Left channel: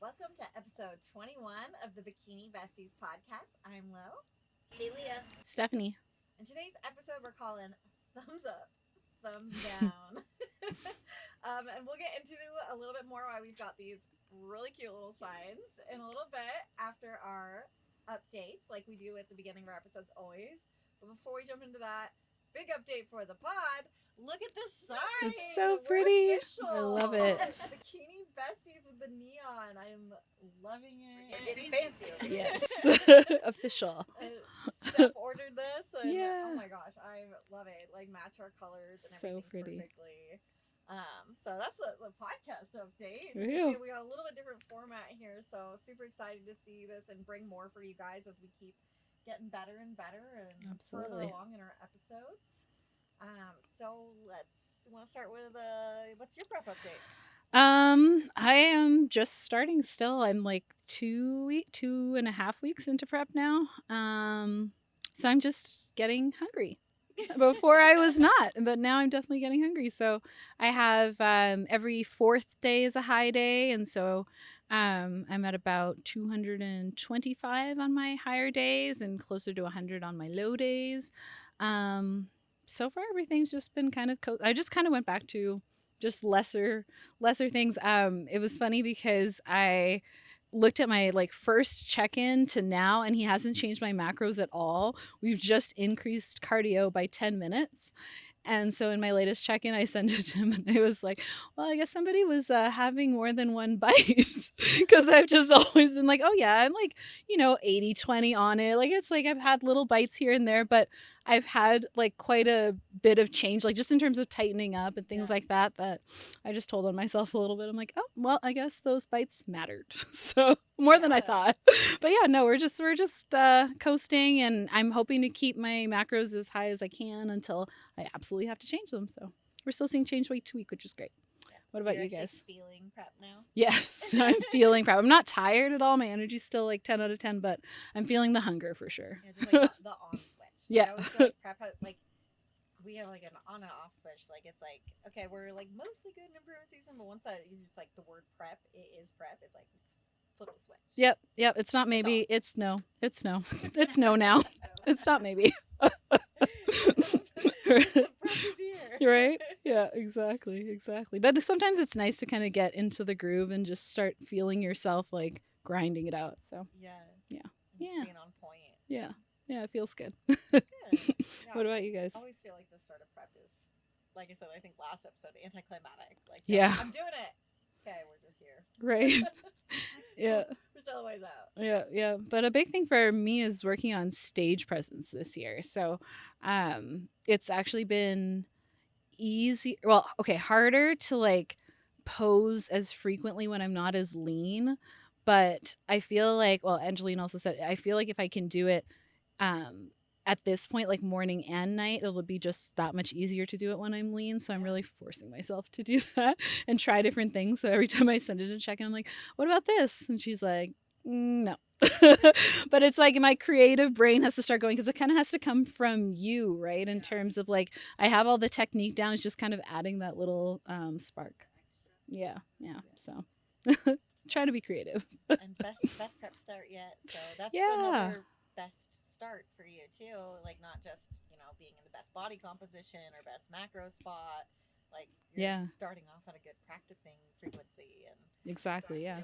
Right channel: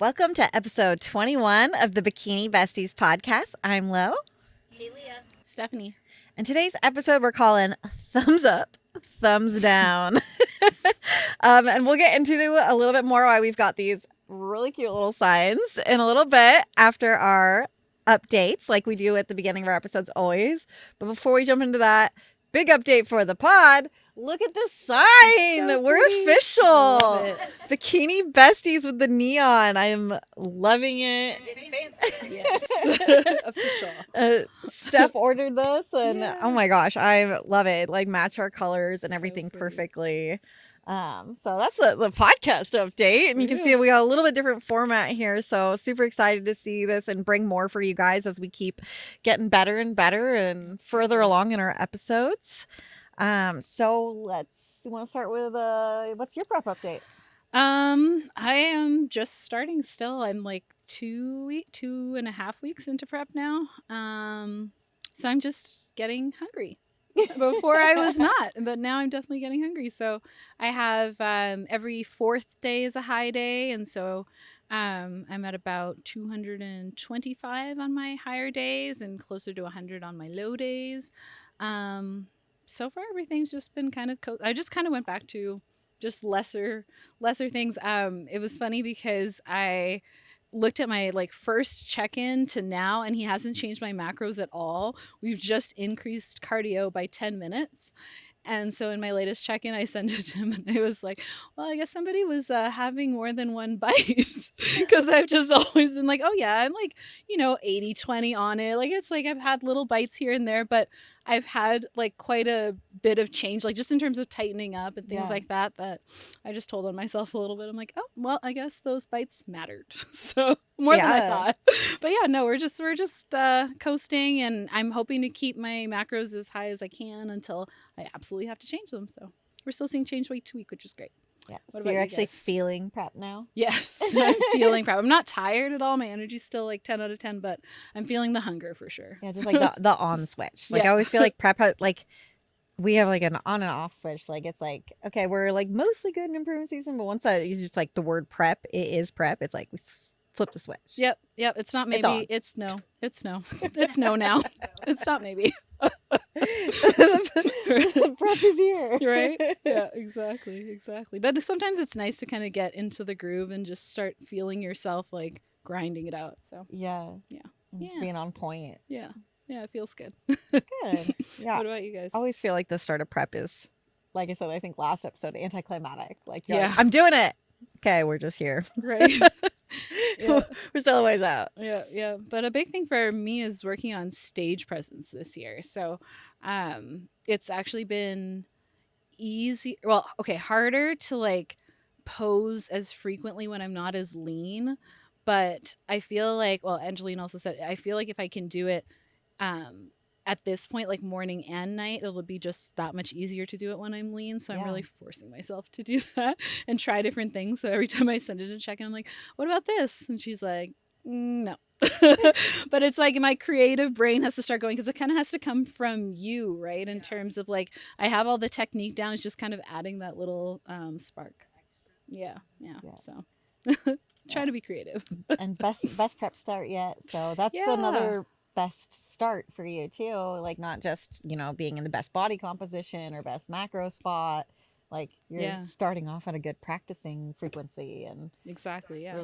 Welcome to episode 21 of the Bikini Besties podcast. I'm Lo. Kaylia. Stephanie. And today's episode we're calling Thumbs Up, Thumbs Down. And we'll get into a little bit more why we've got these really cute little signs in a little bit after our updates like we do at the beginning of our episodes always. But before we jump into that, big update for the pod. Look at this sign. So We're pretty. official. I love it. Bikini Besties with the neon. I am loving it. Getting fancy. Yes. Official. Steph ordered this and Yeah. oh my gosh, I love it. Like match our colors and So everything pretty. perfectly. So that's the podcast update, and you can see we got a little bit different format here. So super excited to see this and bring more for you guys as we keep getting better and better and further along in our episodes. So you want to start with what's your prep update? I am just starting still. I'm like 2.5 weeks into prep now. So I'm just getting hungry. Before I was not, but now I'm definitely getting hungry. So I have every fourth day is a high day, and so I'm at about 225 on my higher days and closer to 100 on my low days. So far everything's just been kind of I just kind of went back to just lesser things. It was funny because I looked at my first check-in to now, and he hasn't changed my macros at all. We've just increased cardio by 10 minutes. And so in my latest check-in, I sent it to him and I was like, well, I guess somebody was having more than one bite, because I've just always been like, oh yeah, I'm 80-20 on it. It's like I've had little bites here and there, but I've had quite a bit of change, just in terms of tightening up and things like that I just told on myself a little bit. I'm like, oh, well, I guess those bites mattered. So more than I thought. But yeah, no, we're just coasting, and I'm hoping to keep my macros as high as I can until I absolutely have to change them. So we're still seeing change week to week, which is great. Yeah. What So about you're you actually guys? feeling prep now? Yes, I'm feeling prep. I'm not tired at all. My energy's still 10 out of 10, but I'm feeling the hunger for sure. Yeah, just the on switch. I always feel like prep we have an on and off switch. It's okay, we're mostly good in improvement season, but once that you just the word prep, it is prep. It's we flip the switch. Yep. It's not maybe. It's no. It's no. It's no now. It's not maybe. The prep is here. Right? Yeah, exactly. But sometimes it's nice to kind of get into the groove and just start feeling yourself grinding it out. So Yeah. Yeah. And just being on point. Yeah, it feels good. Good. Yeah. What about you guys? I always feel like the start of prep is, like I said, I think last episode, anticlimactic. Yeah. I'm doing it. Okay, we're just here. Right. Yeah. We're still a ways out. Yeah. But a big thing for me is working on stage presence this year. So it's actually been easy. Well, okay, harder to pose as frequently when I'm not as lean. But I feel well, Angeline also said, I feel if I can do it at this point, morning and night, it'll be just that much easier to do it when I'm lean. So I'm really forcing myself to do that and try different things. So every time I send it a check-in, I'm like, what about this? And she's like, no. But it's my creative brain has to start going, because it kind of has to come from you, right? In terms of I have all the technique down. It's just kind of adding that little spark. Yeah. So try to be creative. And best prep start yet. So that's another best start for you too. Not just, being in the best body composition or best macro spot. You're starting off at a good practicing frequency and exactly. Yeah.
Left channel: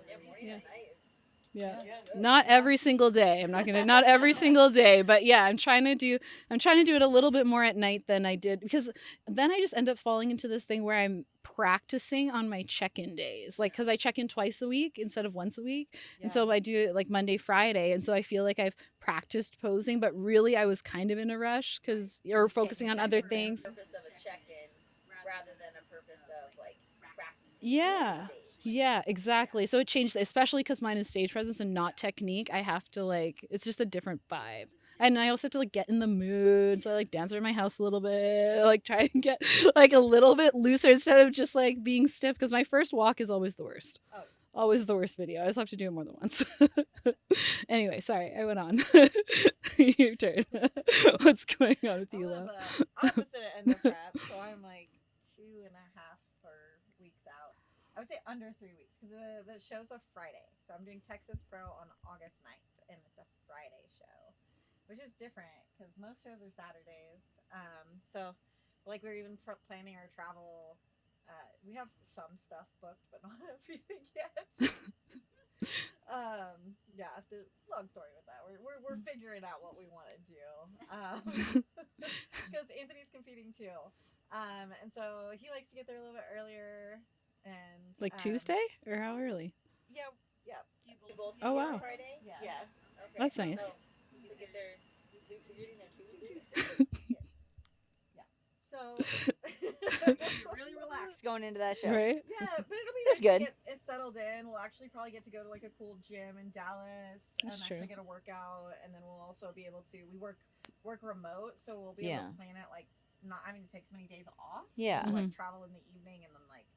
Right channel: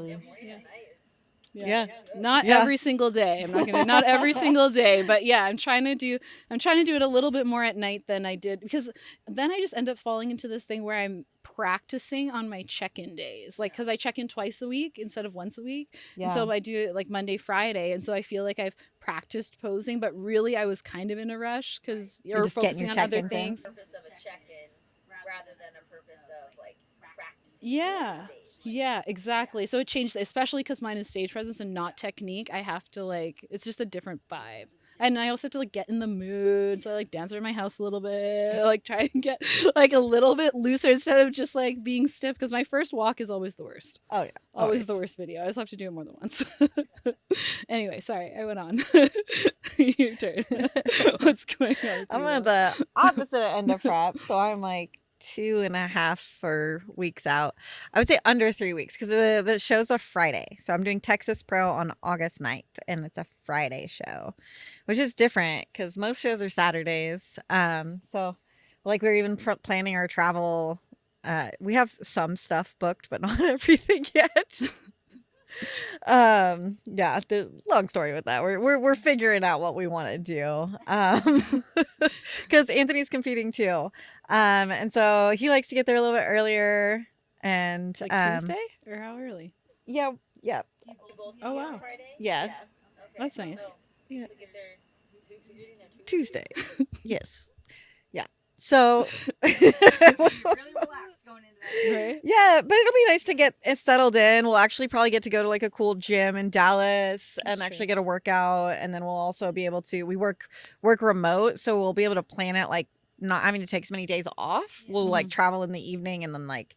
Yeah. Not every single day. I'm not every single day, but yeah, I'm trying to do it a little bit more at night than I did, because then I just end up falling into this thing where I'm practicing on my check-in days, because I check in twice a week instead of once a week. And so I do it Monday, Friday, and so I feel I've practiced posing, but really I was kind of in a rush because you're focusing on other things. Purpose of a check-in rather than a purpose of practicing. Yeah. Yeah, exactly. So it changed, especially because mine is stage presence and not technique. I have to it's just a different vibe. And I also have to get in the mood. So I dance around my house a little bit, try and get a little bit looser instead of just being stiff, because my first walk is always the worst. Oh yeah. Always the worst video. I just have to do it more than once. Anyway, sorry, I went on. Your turn. What's going on? I'm at the opposite end of prep. So I'm 2.5 or weeks out. I would say under 3 weeks because the show's a Friday. So I'm doing Texas Pro on August 9th, and it's a Friday show, which is different because most shows are Saturdays. So like we're even planning our travel. We have some stuff booked, but not everything yet. Yeah, the long story with that. We're figuring out what we want to do. Because Anthony's competing too. And so he likes to get there a little bit earlier. And Like Tuesday or how early? Yeah, yeah, Do you both Oh, get on wow. Friday? yeah, Okay. That's nice. So yeah. we get there Tuesday. Yes. Yeah. So really relaxed going into that show. Right? yeah, but it'll be nice That's to good. get it settled in. We'll actually probably get to go to like a cool gym in Dallas and That's actually true. get a workout, and then we'll also be able to we work remote, so we'll be able to Yeah. plan it like not having to take so many days off. Yeah. We'll like Mhm. travel in the evening and then like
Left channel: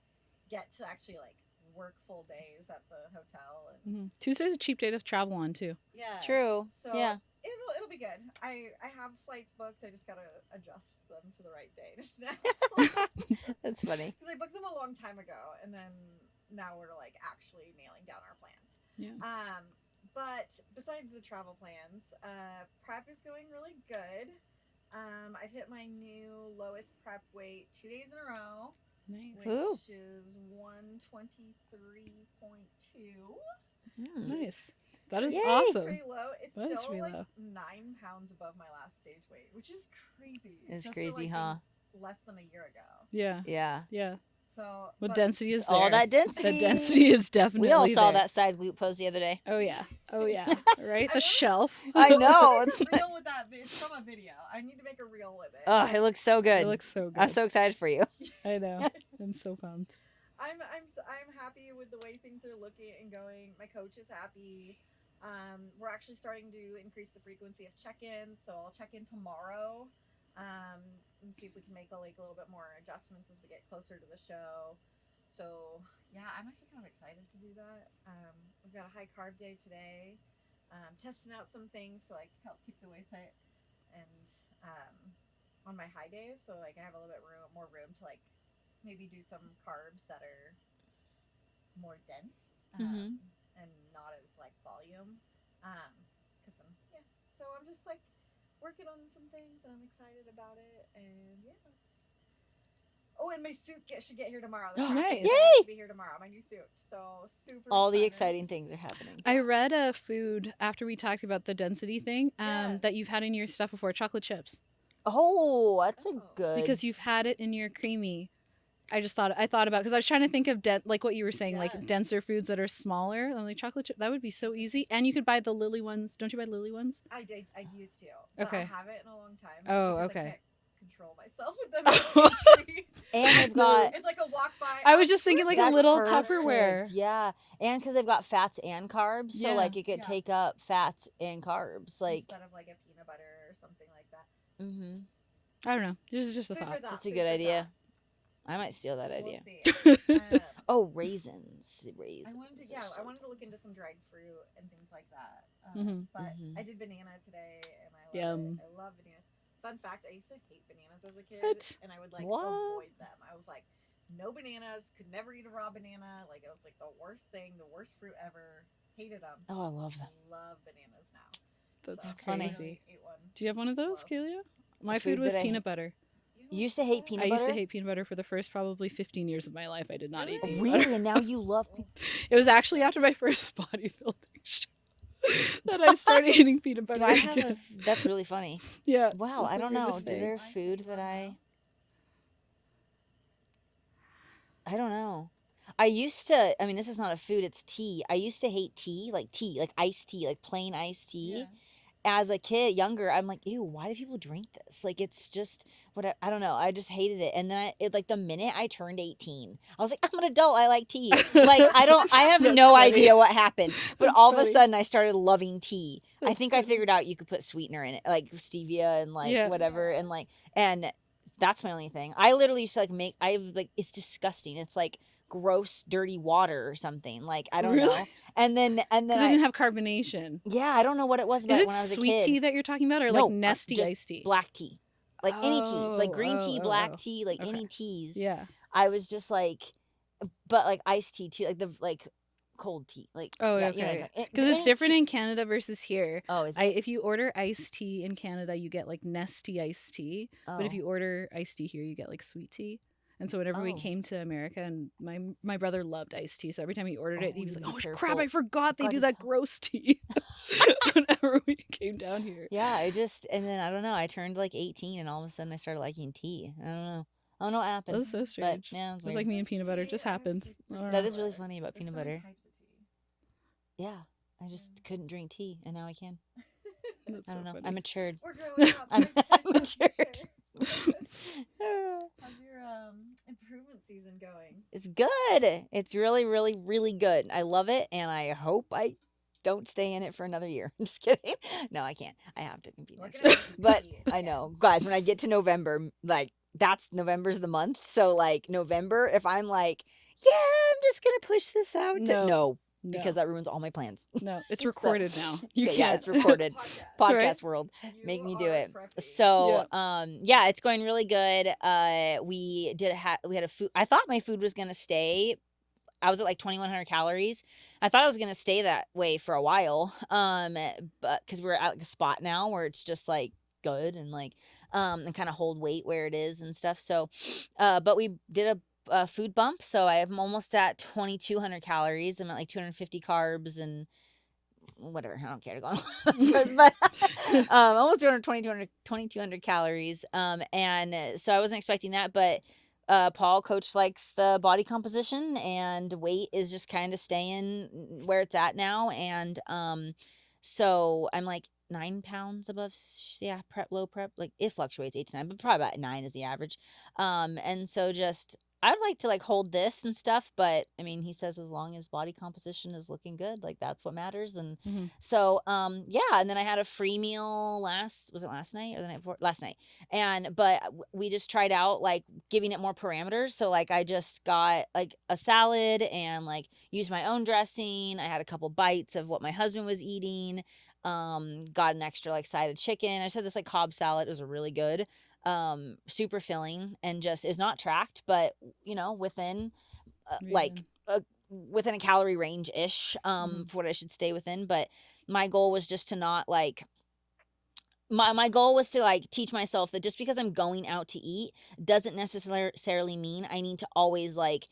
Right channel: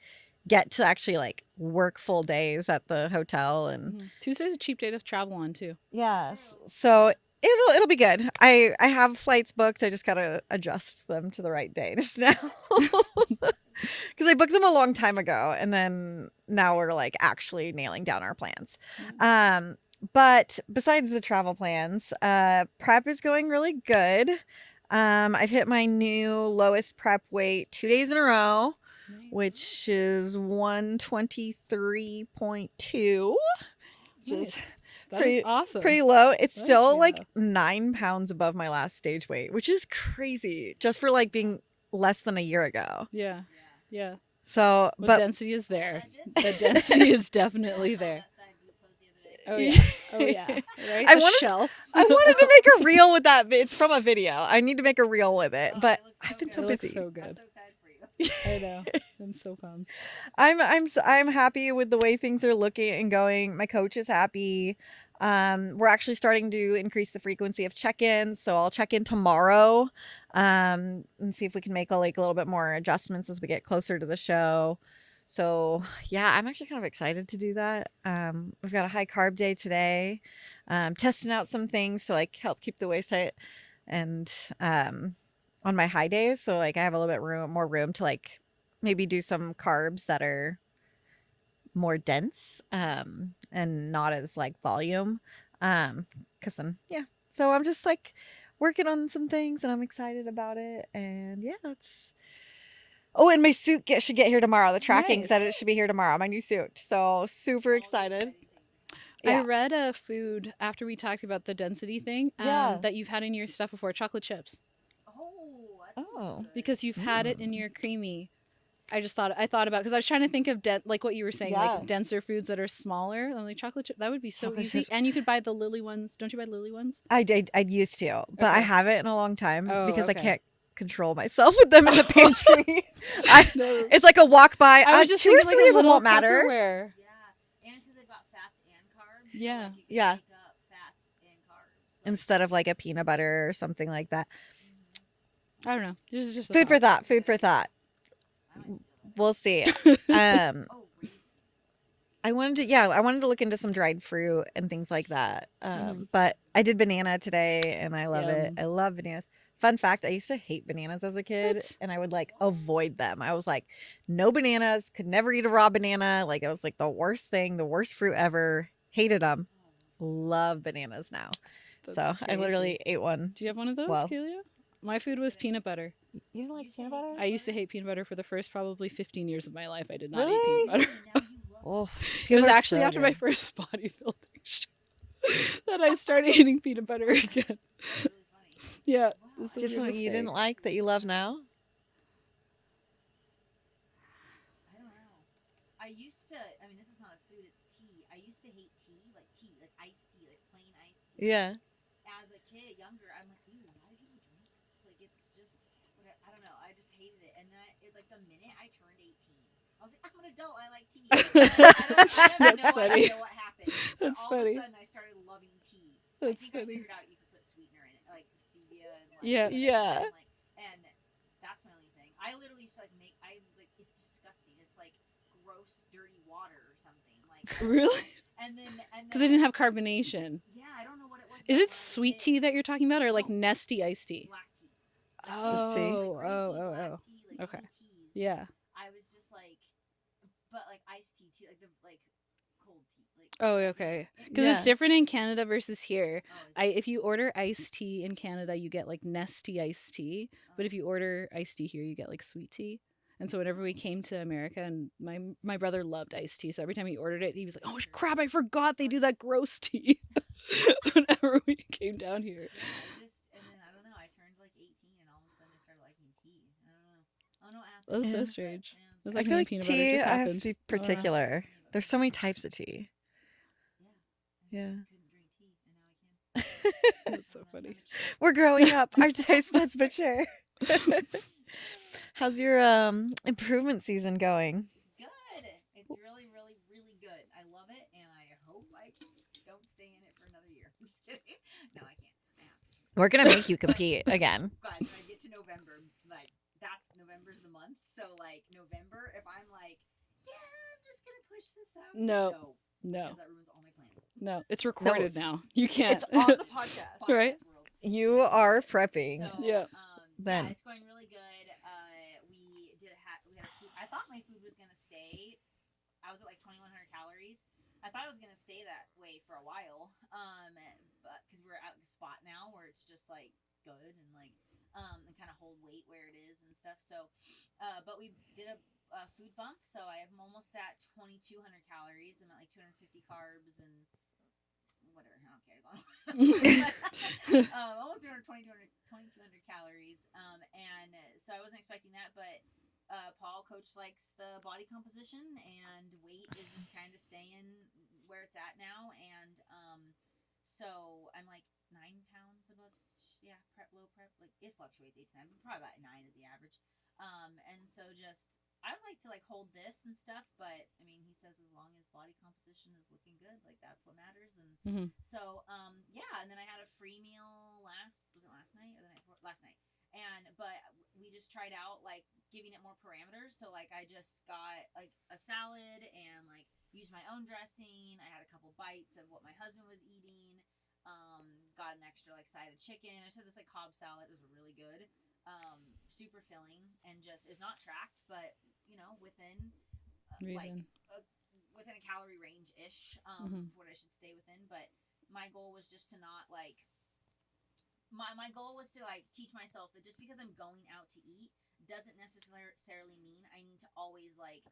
get to actually like work full days at the hotel and Mhm. Tuesday's a cheap day to travel on too. yeah. True. So Yeah. it'll be good. I have flights booked. I just gotta adjust them to the right dates now. That's funny. Because I booked them a long time ago, and then now we're like actually nailing down our plans. But besides the travel plans, prep is going really good. I've hit my new lowest prep weight 2 days in a row, Nice. which is 123.2. Nice. That Pretty, is awesome. pretty low. It's That is still pretty like low. 9 pounds above my last stage weight, which is crazy. It's just for crazy, like huh? being less than a year ago. Yeah. Yeah. Yeah. So, Well, but density is there. All that density. The density is definitely We all saw there. that side glute pose the other day. Oh yeah. Oh yeah. Right? I The wanted- shelf. I I wanted to know, make a it's- reel with that. It's from a video. I need to make a reel with it. Oh, but it looks so I've been good. It looks busy. so good. I'm so excited for you. I know. I'm so pumped. I'm happy with the way things are looking and going. My coach is happy. We're actually starting to increase the frequency of check-ins, so I'll check in tomorrow, and see if we can make a little bit more adjustments as we get closer to the show. So yeah, I'm actually kind of excited to do that. We've got a high carb day today. Testing out some things to like help keep the waist tight, and on my high days, so like I have a little bit more room to like maybe do some carbs that are more dense and not as like volume because then yeah, so I'm just like working on some things and I'm excited about it, and yeah, that's and my suit should get here tomorrow. The Oh, tracking nice. said it should be here tomorrow, my new suit, so super All the excited. exciting things are happening. Yeah. I read a food after we talked about the density thing Yeah. that you've had in your stuff before, chocolate chips, Oh, that's Oh. a good. because you've had it in your creamy. I thought about because I was trying to think of like what you were saying, Yeah. like denser foods that are smaller. I'm like chocolate chip. That would be so Chocolate easy, chips. and you could buy the Lily ones. Don't you buy Lily ones? I used to, but I Okay. haven't in a long time Oh, because okay. I can't control myself with them in the pantry. And I- they've got- It's like a walk by. I was just two or thinking like three a of them little won't matter. Tupperware. Yeah, and because they've got fats and carbs, so Yeah. like it could Yeah. take up fats and carbs. Like, Instead of like a peanut butter or something like that. mhm. I don't know. This is just a Food for thought. thought. That's a Food good for idea. thought. I might steal that We'll idea. see. Oh, raisins. I wanted to look into some dried fruit and things like that. But Mhm. I did banana today and I love it. Yum. I love bananas. Fun fact, I used to hate bananas as a kid What? and I would like What? avoid them. I was like, no bananas, could never eat a raw banana. Like it was like the worst thing, the worst fruit ever. Hated them. Oh, I love them. Love bananas now. That's so I crazy. literally ate one. Do you have one of those, Well, Kaylia? My food food was that I peanut butter. You don't You like used to peanut hate butter? peanut I used to butter? hate peanut butter for the first probably 15 years of my life. I did not eat Really? peanut butter. Really? And now you love. Oh, It was They're actually so after my good. first bodybuilding show that I started eating peanut Do butter I have again. That's really funny. Yeah. Wow, This I is don't know. really Something you didn't fair. like that Food you love that now? I don't know. I used to. I mean, this is not a food. It's tea. I used to hate tea, like iced tea, like plain iced tea. Yeah. As a kid, younger, I'm like, ew, why do people drink this? Like, it's just what I don't know. I just hated it. And then like the minute I turned 18, I was like, I'm an adult. I like tea. Like, I have That's no funny. idea what happened. But That's all of funny. a sudden, I started loving tea. I That's think I funny. figured out you could put sweetener in it, like stevia and like Yeah. whatever, Yeah. and that's my only thing. I literally used to it's disgusting. It's like gross, dirty water or something. Like I don't know. Really? And then Because it didn't have carbonation. yeah, I don't know what it was about Is it when I was a sweet kid. tea that you're talking about, or like No, nesty just iced tea? Black tea. like any teas, like Oh, green tea, oh, oh, black oh. tea, like Okay. any teas. Yeah. I was just like, but like iced tea too, like the like cold tea, like Oh, that. You know, okay. Because it's Yeah. different in Canada versus here. Oh, is it? If you order iced tea in Canada, you get like nesty iced tea. But if Oh. you order iced tea here, you get like sweet tea. And so whenever we Oh. came to America, and my brother loved iced tea, so every time he ordered Oh, it, he we was need like, to be "Oh crap, careful. I forgot they God, do you that can't- gross tea." Whenever we came down here. Yeah, and then I don't know. I turned like 18, and all of a sudden I started liking tea. I don't know. I don't know what happened. That's so Yeah. But strange. yeah, it was It was weird. like I feel me and like peanut butter. It tea just has happened. to be That is really particular. funny about There's peanut so many butter. types of tea. Yeah, I just Yeah. couldn't drink tea, and now I can. That's I so don't know. funny. I matured. We're growing up. I'm Our taste buds matured. mature. How's your improvement season going? It's good. It's really, really, really good. I love it, and I hope I don't stay in it for another year. I'm just kidding. No, I can't. I have to compete. We're gonna make you But compete I again. know, guys. When I get to November, like November's the month. So like November, if I'm like, yeah, I'm just gonna push this out. No. Because that ruins all my plans. No, it's So- recorded now. You Okay, yeah, can't. it's recorded. Podcast Right? world. You Make me do are it. prepping. So, Yeah. yeah, Right. it's going really good. We had a food. I thought my food was gonna stay. I was at like 2,100 calories. I thought I was gonna stay that way for a while. But because we're at like a spot now where it's just like good and like and kind of hold weight where it is and stuff. So, but we did a food bump. So I'm almost at 2,200 calories. I'm at like 250 carbs and whatever. I don't care to go on. But almost 2,200 calories. And so I wasn't expecting that, but Paul, coach, likes the body composition, and weight is just kind of staying where it's at now. And so I'm like 9 pounds above, low prep. Like it fluctuates 8 to 9, but probably about 9 is the average. And so just I'd like to like hold this and stuff, but I mean, he says as long as body composition is looking good, like that's what matters. And Mhm. so, yeah. And then I had a free meal was it last night or the night before? Last night. But we just tried out like giving it more parameters. So like I just got like a salad and like used my own dressing. I had a couple bites of what my husband was eating. Got an extra like side of chicken. I just had this like Cobb salad. It was really good. Super filling and just is not tracked, but within like Reason. within a calorie range ish Mhm. for what I should stay within. But my goal was just to not like my goal was to like teach myself that just because I'm going out to eat doesn't necessarily mean I need to always like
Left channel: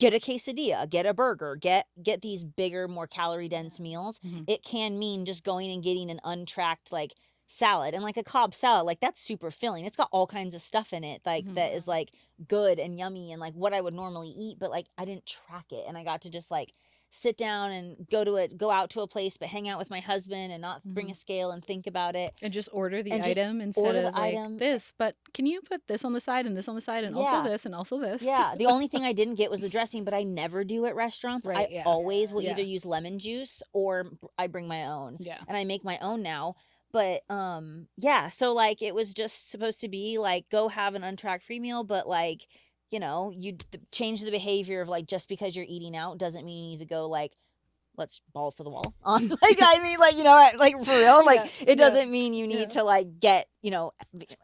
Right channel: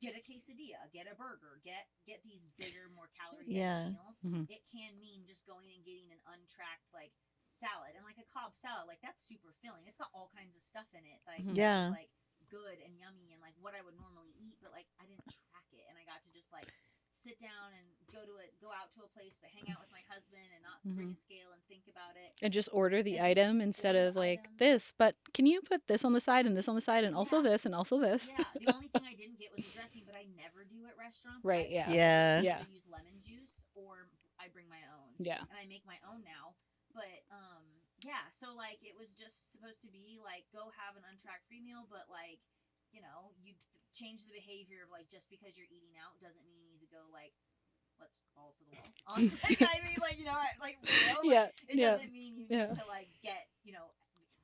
get a quesadilla, get a burger, get these bigger, more calorie dense Yeah. meals. Mhm. It can mean just going and getting an untracked like salad, and like a Cobb salad, like that's super filling. It's got all kinds of stuff in it, like Mhm. that is Yeah. like good and yummy and like what I would normally eat, but like I didn't track it, and I got to just like sit down and go out to a place, but hang out with my husband and not bring a Mhm. scale and think about it. And just order the And just item instead order the of like item. this. But can you put this on the side and this on the side and also Yeah. this and also this? Yeah, the only thing I didn't get was the dressing, but I never do at restaurants. Right, I yeah. always Yeah. will Yeah. either use lemon juice or I bring my own. Yeah. And I make my own now. But yeah, so like it was just supposed to be like go have an untracked free meal, but like, you change the behavior of like just because you're eating out doesn't mean you need to go like let's balls to the wall on like I mean like like for real like Yeah, it yeah, doesn't mean you need yeah. to like get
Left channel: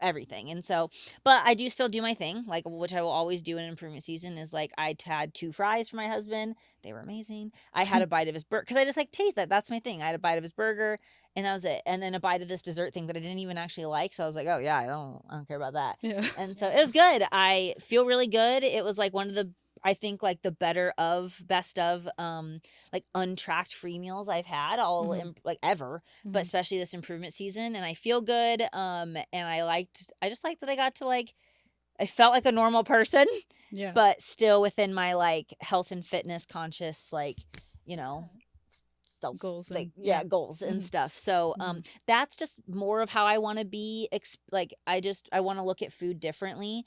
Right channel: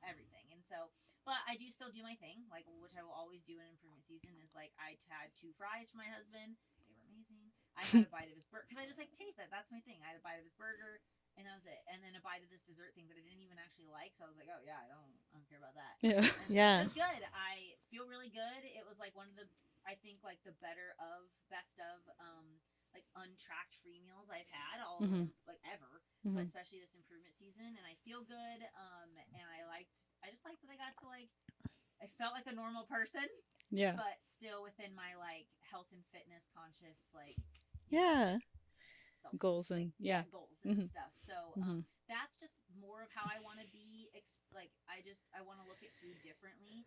everything. And so but I do still do my thing, like which I will always do in improvement season is like I had 2 fries for my husband. They were amazing. I had a bite of his burger because I just like taste that. That's my thing. I had a bite of his burger and that was it. And then a bite of this dessert thing that I didn't even actually like. So I was like, oh yeah, I don't care about that. Yeah. And so Yeah. it was good. I feel really good. It was like one of the I think like the best of like untracked free meals I've had Mhm. like ever, but Mhm. especially this improvement season, and I feel good. And I just liked that I got to like I felt like a normal person, Yeah. but still within my like health and fitness conscious like Yeah. self Goals like and yeah. goals and Mhm. stuff. So Mhm. that's just more of how I want to be like I want to look at food differently.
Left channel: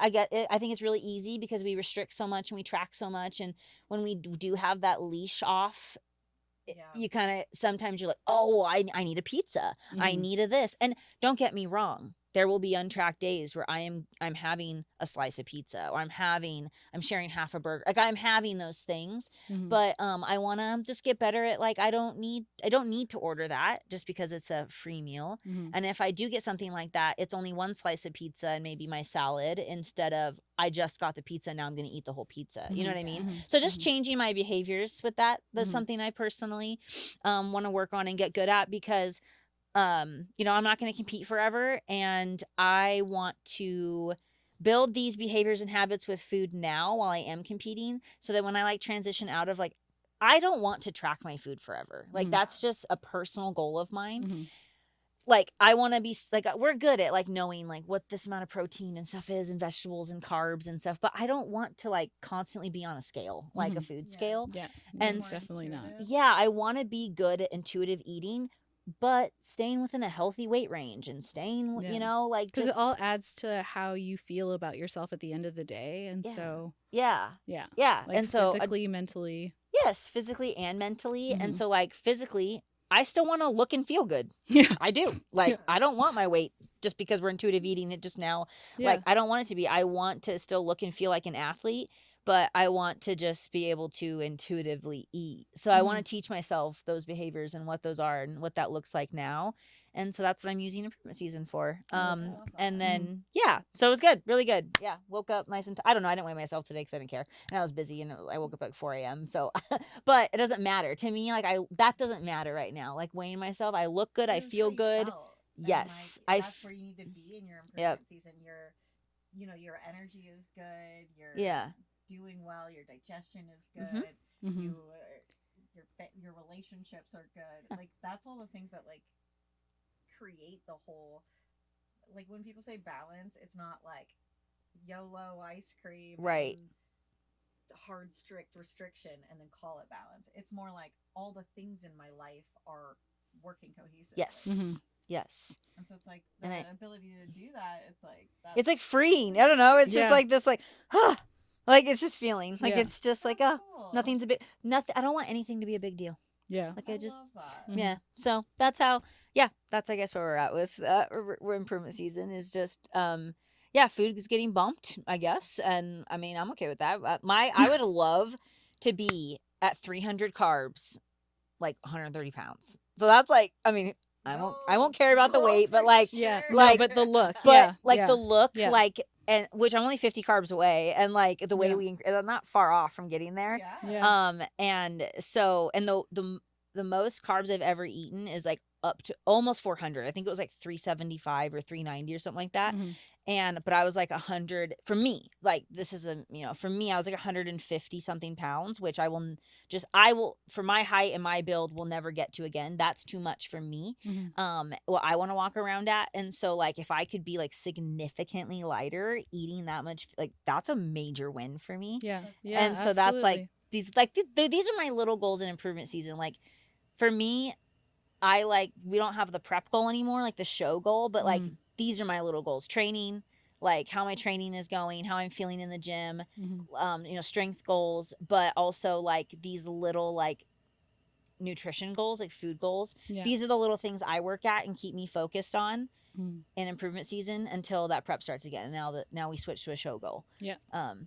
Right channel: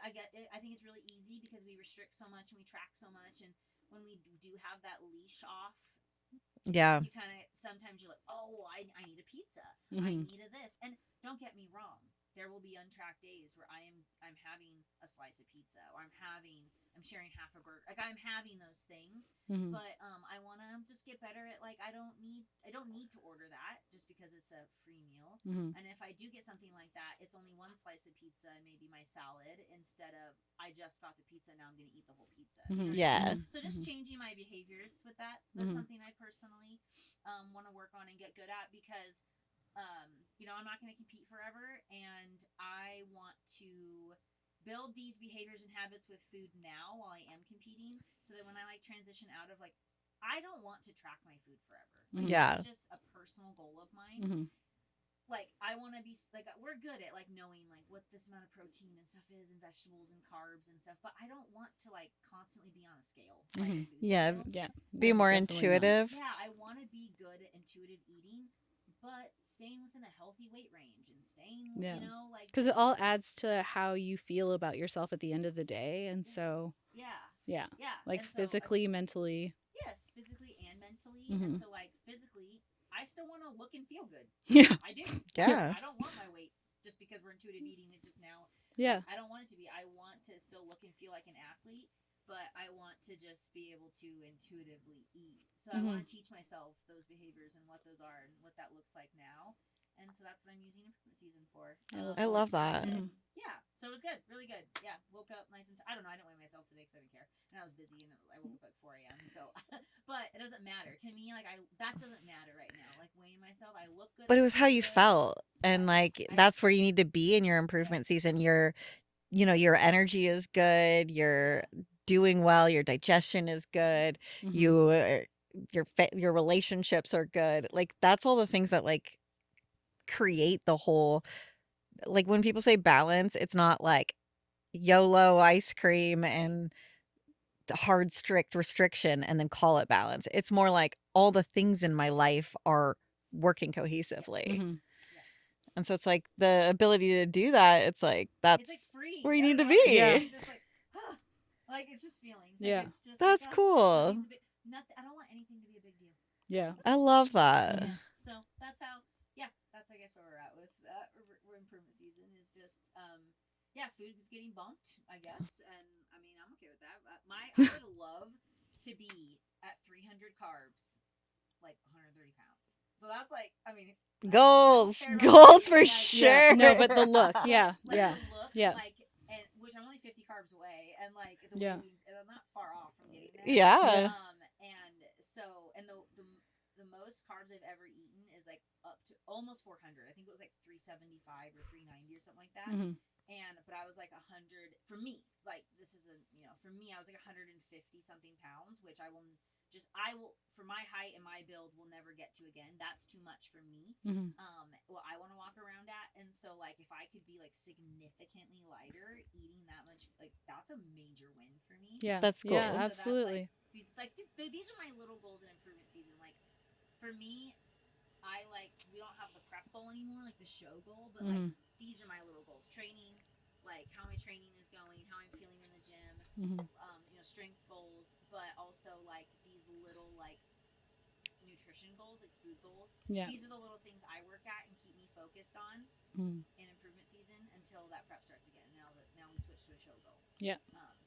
I get it. I think it's really easy because we restrict so much and we track so much, and when we do have that leash off, Yeah. you kind of sometimes you're like, oh, I need a pizza, I Mhm. need a this. And don't get me wrong, there will be untracked days where I'm having a slice of pizza, or I'm sharing half a burger. Like I'm having those things, but I want to just get better at like I don't need to order that just because it's a free meal. And if I do get something like that, it's only one slice of pizza and maybe my salad instead of I just got the pizza and now I'm going to eat the whole pizza. You know what I mean? So just changing my behaviors with that's something I personally want to work on and get good at, because you know, I'm not going to compete forever, and I want to build these behaviors and habits with food now while I am competing, so that when I like transition out of like, I don't want to track my food forever. Like that's just a personal goal of mine. Like I want to be like, we're good at like knowing like what this amount of protein and stuff is, and vegetables and carbs and stuff, but I don't want to like constantly be on a scale, like a food scale. Be And more definitely not. intuitive. Yeah, I want to be good at intuitive eating, but staying within a healthy weight range and staying, you know, like because it just all adds to how you feel about yourself at the end of the day, and yeah, so yeah, yeah, like like so physically, mentally. yes, physically and mentally. And so like physically, I still want to look and feel good. Yeah, I do. Like Yeah. I don't want my weight just because we're intuitive eating it just now. yeah, Like I don't want it to be. I want to still look and feel like an athlete, but I want to just be able to intuitively eat. So I want to teach myself those behaviors and what those are and what that looks like now. And so that's what I'm using improvement season for. I love that. And then yeah, so it was good, really good. Yeah, woke up nice and I don't know, I didn't weigh myself today because I didn't care, and I was busy, and I woke up at like 4 a.m. So, but it doesn't matter to me. Like that doesn't matter right now. Like weighing myself, I look good. But I it was feel how you good. felt. And Yes, like that's where you need to be in your improvement season. You know, your energy is good, you're doing well, your digestion is good, you your relationships are good. Like that's all the things that like create the whole, like when people say balance, it's not like YOLO ice cream and hard strict restriction and then call it balance. It's more like all the things in my life are working cohesively. Yes. Yes. And so it's like the ability to do that, it's like that's it's like freeing. where I you don't need to know. It's be. just like this, like, like it's just feeling like Yeah. it's just That's like cool. nothing's a big nothing. I don't want anything to be a big deal. yeah. Like, I just, love that. Yeah. So that's how. Yeah, that's I guess where we're at with improvement season is just yeah, food is getting bumped, I guess, and I mean I'm okay with that. I would love to be at 300 carbs, like 130 pounds. So that's like, I mean, I won't care about the weight, for but like, sure. No, but the look, but yeah, like yeah, the look, yeah. like, and which I'm only 50 carbs away, and like the way I'm not far off from getting there. Yeah. And so, and the most carbs I've ever eaten is like up to almost 400. I think it was like 375 or 390 or something like that. And but I was like 100 for me. Like this is a, you know, for me I was like 150 something pounds, which I will for my height and my build will never get to again. That's too much for me. What I want to walk around at. And so like if I could be like significantly lighter eating that much, like that's a major win for me. Yeah, That's cool. Yeah, And so that's like these are my little goals in improvement season. Like for me, I like, we don't have the prep goal anymore, like the show goal, but like these are my little goals. Training, like how my training is going, how I'm feeling in the gym, you know, strength goals, but also like these little like nutrition goals, like food goals. Yeah. These are the little things I work at and keep me focused on in improvement season until that prep starts again. And now we switch to a show goal. Yeah.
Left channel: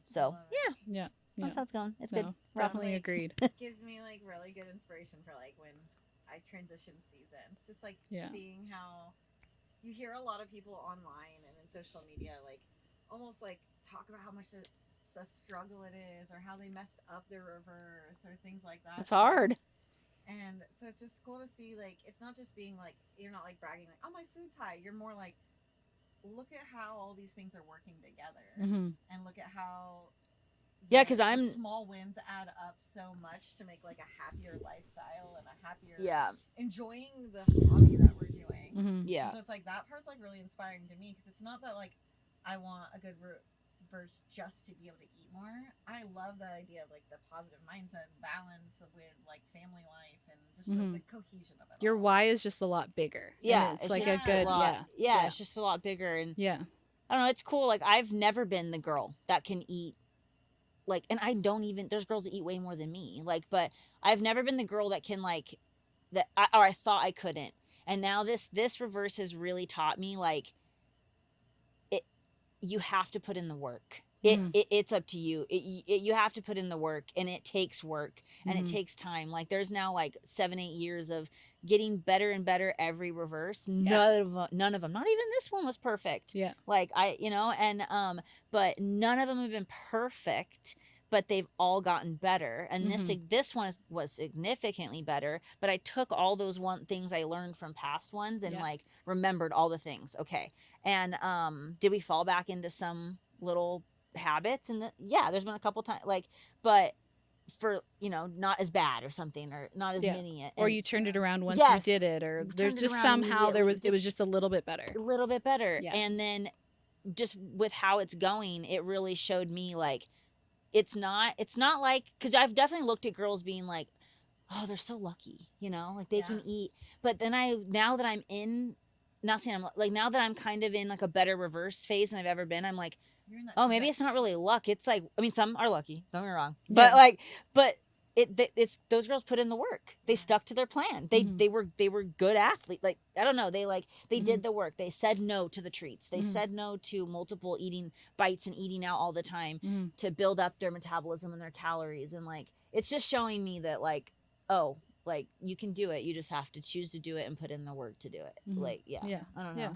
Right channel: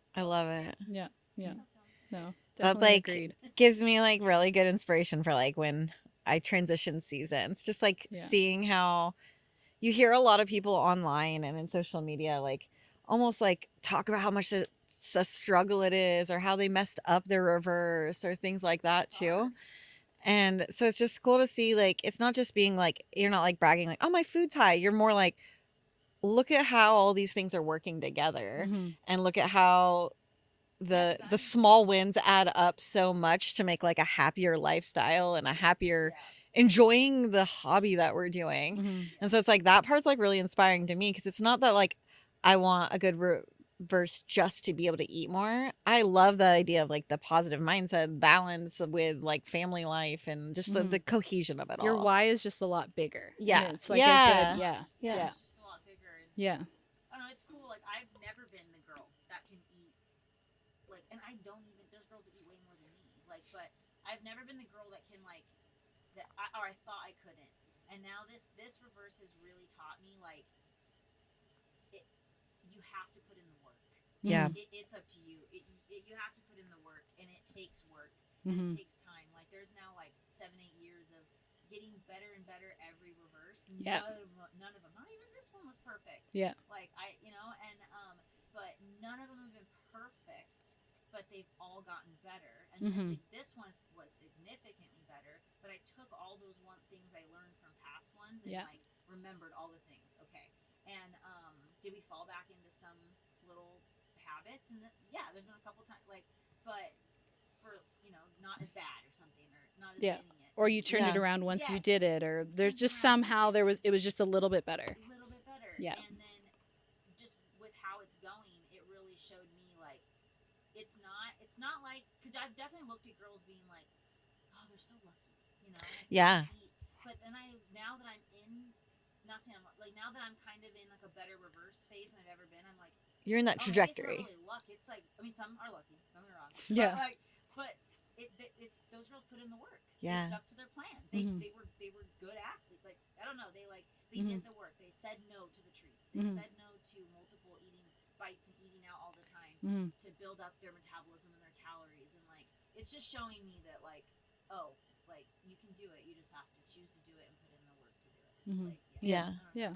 So I love it. Yeah. that's how it's going. It's good. That's Definitely like agreed. gives me like really good inspiration for like when I transition seasons. Just like seeing how you hear a lot of people online and in social media like almost like talk about how much a struggle it is, or how they messed up their reverse or things like that. It's hard. And so it's just cool to see, like, it's not just being like, you're not like bragging like, oh, my food's high. You're more like, look at how all these things are working together, and look at how the small wins add up so much to make like a happier lifestyle and a happier enjoying the hobby that we're doing. And so it's like that part's like really inspiring to me, because it's not that like I want a good reverse just to be able to eat more. I love the idea of like the positive mindset balance with like family life and just the cohesion of it all. Your why is just a lot bigger. Yeah, It's like a good, yeah, it's just a lot bigger. And I don't know, it's cool. Like I've never been the girl that can eat, like, and I don't even, there's girls that eat way more than me, like, but I've never been the girl that can like that, or I thought I couldn't. And now this reverse has really taught me like you have to put in the work. Yeah. It's up to you. You have to put in the work, and it takes work, and it takes time. Like there's now like 7-8 years of getting better and better every reverse. None of them, not even this one was perfect. Yeah. Like and but none of them have been perfect, but they've all gotten better. And this one was significantly better, but I took all those things I learned from past ones and like remembered all the things. Okay. And did we fall back into some little habits? And there's been a couple times, like, but for not as bad or something, or not as many, or you turned it around once you did it, or there's just somehow it was just a little bit better. And then just with how it's going, it really showed me like it's not like, because I've definitely looked at girls being like, oh, they're so lucky, like they can eat. But then now that I'm in, not saying I'm like, now that I'm kind of in like a better reverse phase than I've ever been, I'm like, you're in that oh, trajectory. maybe it's not really luck. It's like, I mean, some are lucky, don't get me wrong, but it's those girls put in the work. They stuck to their plan. They were good athletes. Like, I don't know, they did the work. They said no to the treats. They said no to multiple eating bites and eating out all the time to build up their metabolism and their calories. And like, it's just showing me that like, oh, like you can do it. You just have to choose to do it and put in the work to do it. Like, I don't know.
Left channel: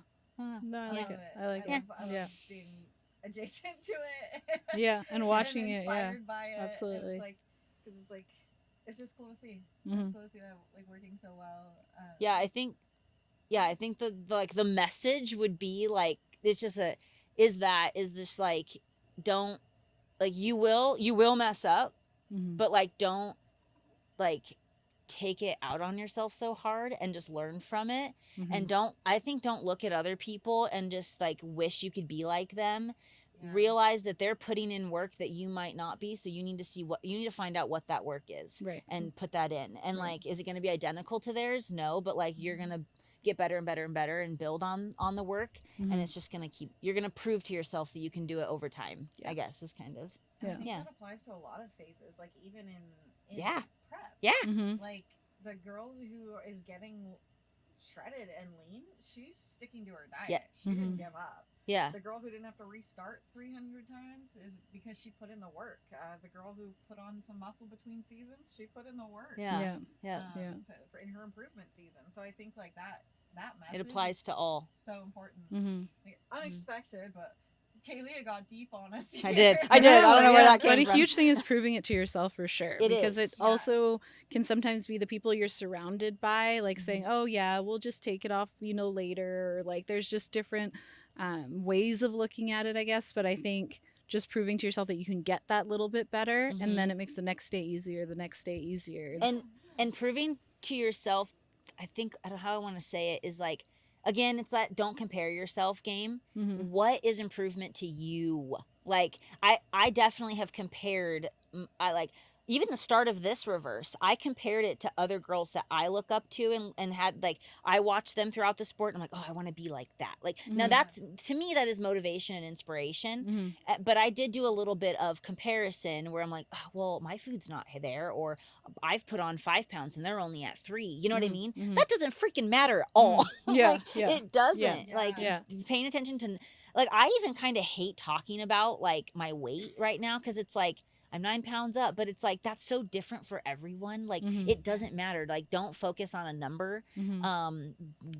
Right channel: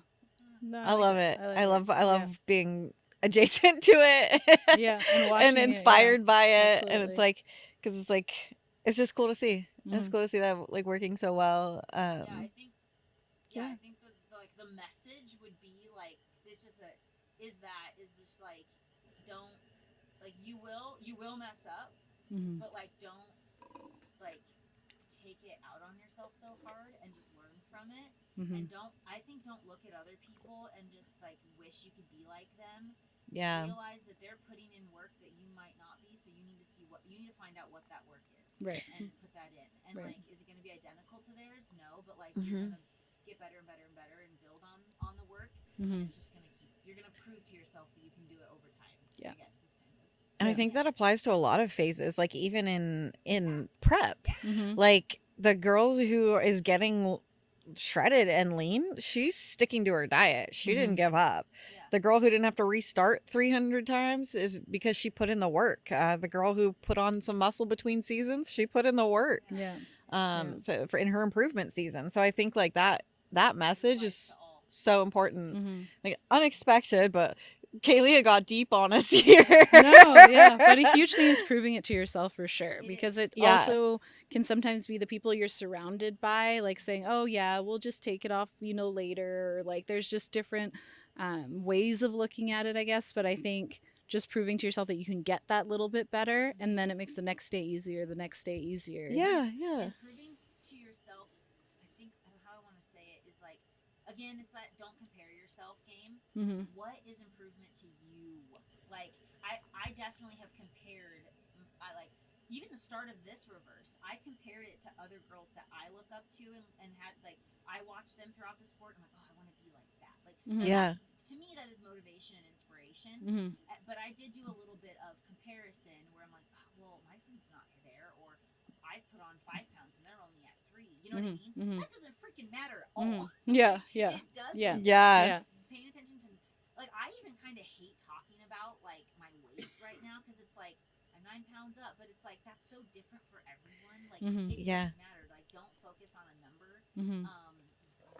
No, I love it. I love being adjacent to it. And watching and inspired it, by it. Absolutely. And it's like, because it's like, it's just cool to see. It's cool to see that like working so well. I think the like the message would be like, it's just is this like, don't, like, you will mess up, but like, don't like take it out on yourself so hard, and just learn from it. And don't look at other people and just like wish you could be like them. Realize that they're putting in work that you might not be, so you need to find out what that work is, and put that in. And like, is it going to be identical to theirs? No, but like, you're going to get better and better and better and build on the work. And it's just going to you're going to prove to yourself that you can do it over time. I guess is kind of. And I think that applies to a lot of phases, like even in prep. Yeah. Like the girl who is getting shredded and lean, she's sticking to her diet. She didn't give up. The girl who didn't have to restart 300 times is because she put in the work. The girl who put on some muscle between seasons, she put in the work. So in her improvement season. So I think like that message is to all. So important. Like unexpected, but Kaylia got deep on us here. I know, but a huge thing is proving it to yourself for sure. Because it also can sometimes be the people you're surrounded by, like saying, oh yeah, we'll just take it off, later. Or like, there's just different ways of looking at it, I guess. But I think just proving to yourself that you can get that little bit better, and then it makes the next day easier, And proving to yourself, I think, I don't know how I want to say it, is like, again, it's that don't compare yourself game. What is improvement to you? Like, I definitely have compared, even the start of this reverse, I compared it to other girls that I look up to, and had, like, I watched them throughout the sport, and I'm like, oh, I want to be like that. Like, now that's, to me, that is motivation and inspiration. But I did do a little bit of comparison where I'm like, oh, well, my food's not there, or I've put on 5 pounds and they're only at 3. You know what I mean? That doesn't freaking matter at all. It doesn't. Paying attention to, like, I even kind of hate talking about like my weight right now, because it's like, I'm 9 pounds up, but it's like, that's so different for everyone. Like, it doesn't matter. Like, don't focus on a number.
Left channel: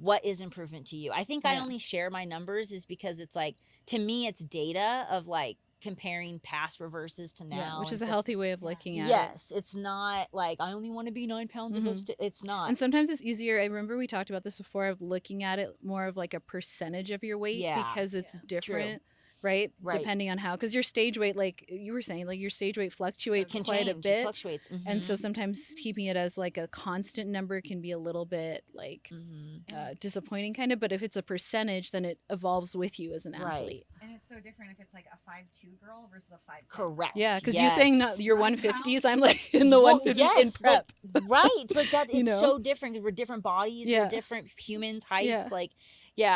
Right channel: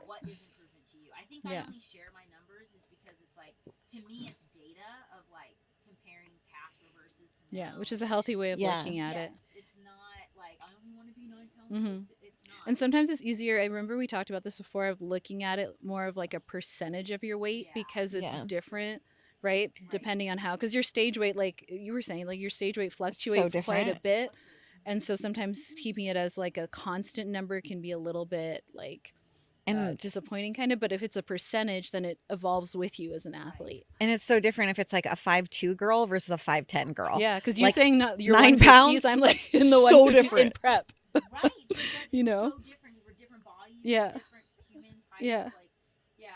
What is improvement to you? I think I only share my numbers is because it's like, to me, it's data of like comparing past reverses to now. Which is a healthy way of looking at it. Yes, it's not like, I only want to be 9 pounds. It's not. And sometimes it's easier. I remember we talked about this before, of looking at it more of like a percentage of your weight, because it's different. True. Right? Depending on how, because your stage weight, like you were saying, like your stage weight fluctuates quite a bit. And so sometimes keeping it as like a constant number can be a little bit like disappointing kind of. But if it's a percentage, then it evolves with you as an athlete. And it's so different if it's like a 5'2" girl versus a 5'10" girl. Yeah, because you're saying you're 150s, I'm like in the 150s in prep. Right. Like that is so different, because we're different bodies, we're different humans, heights. Like,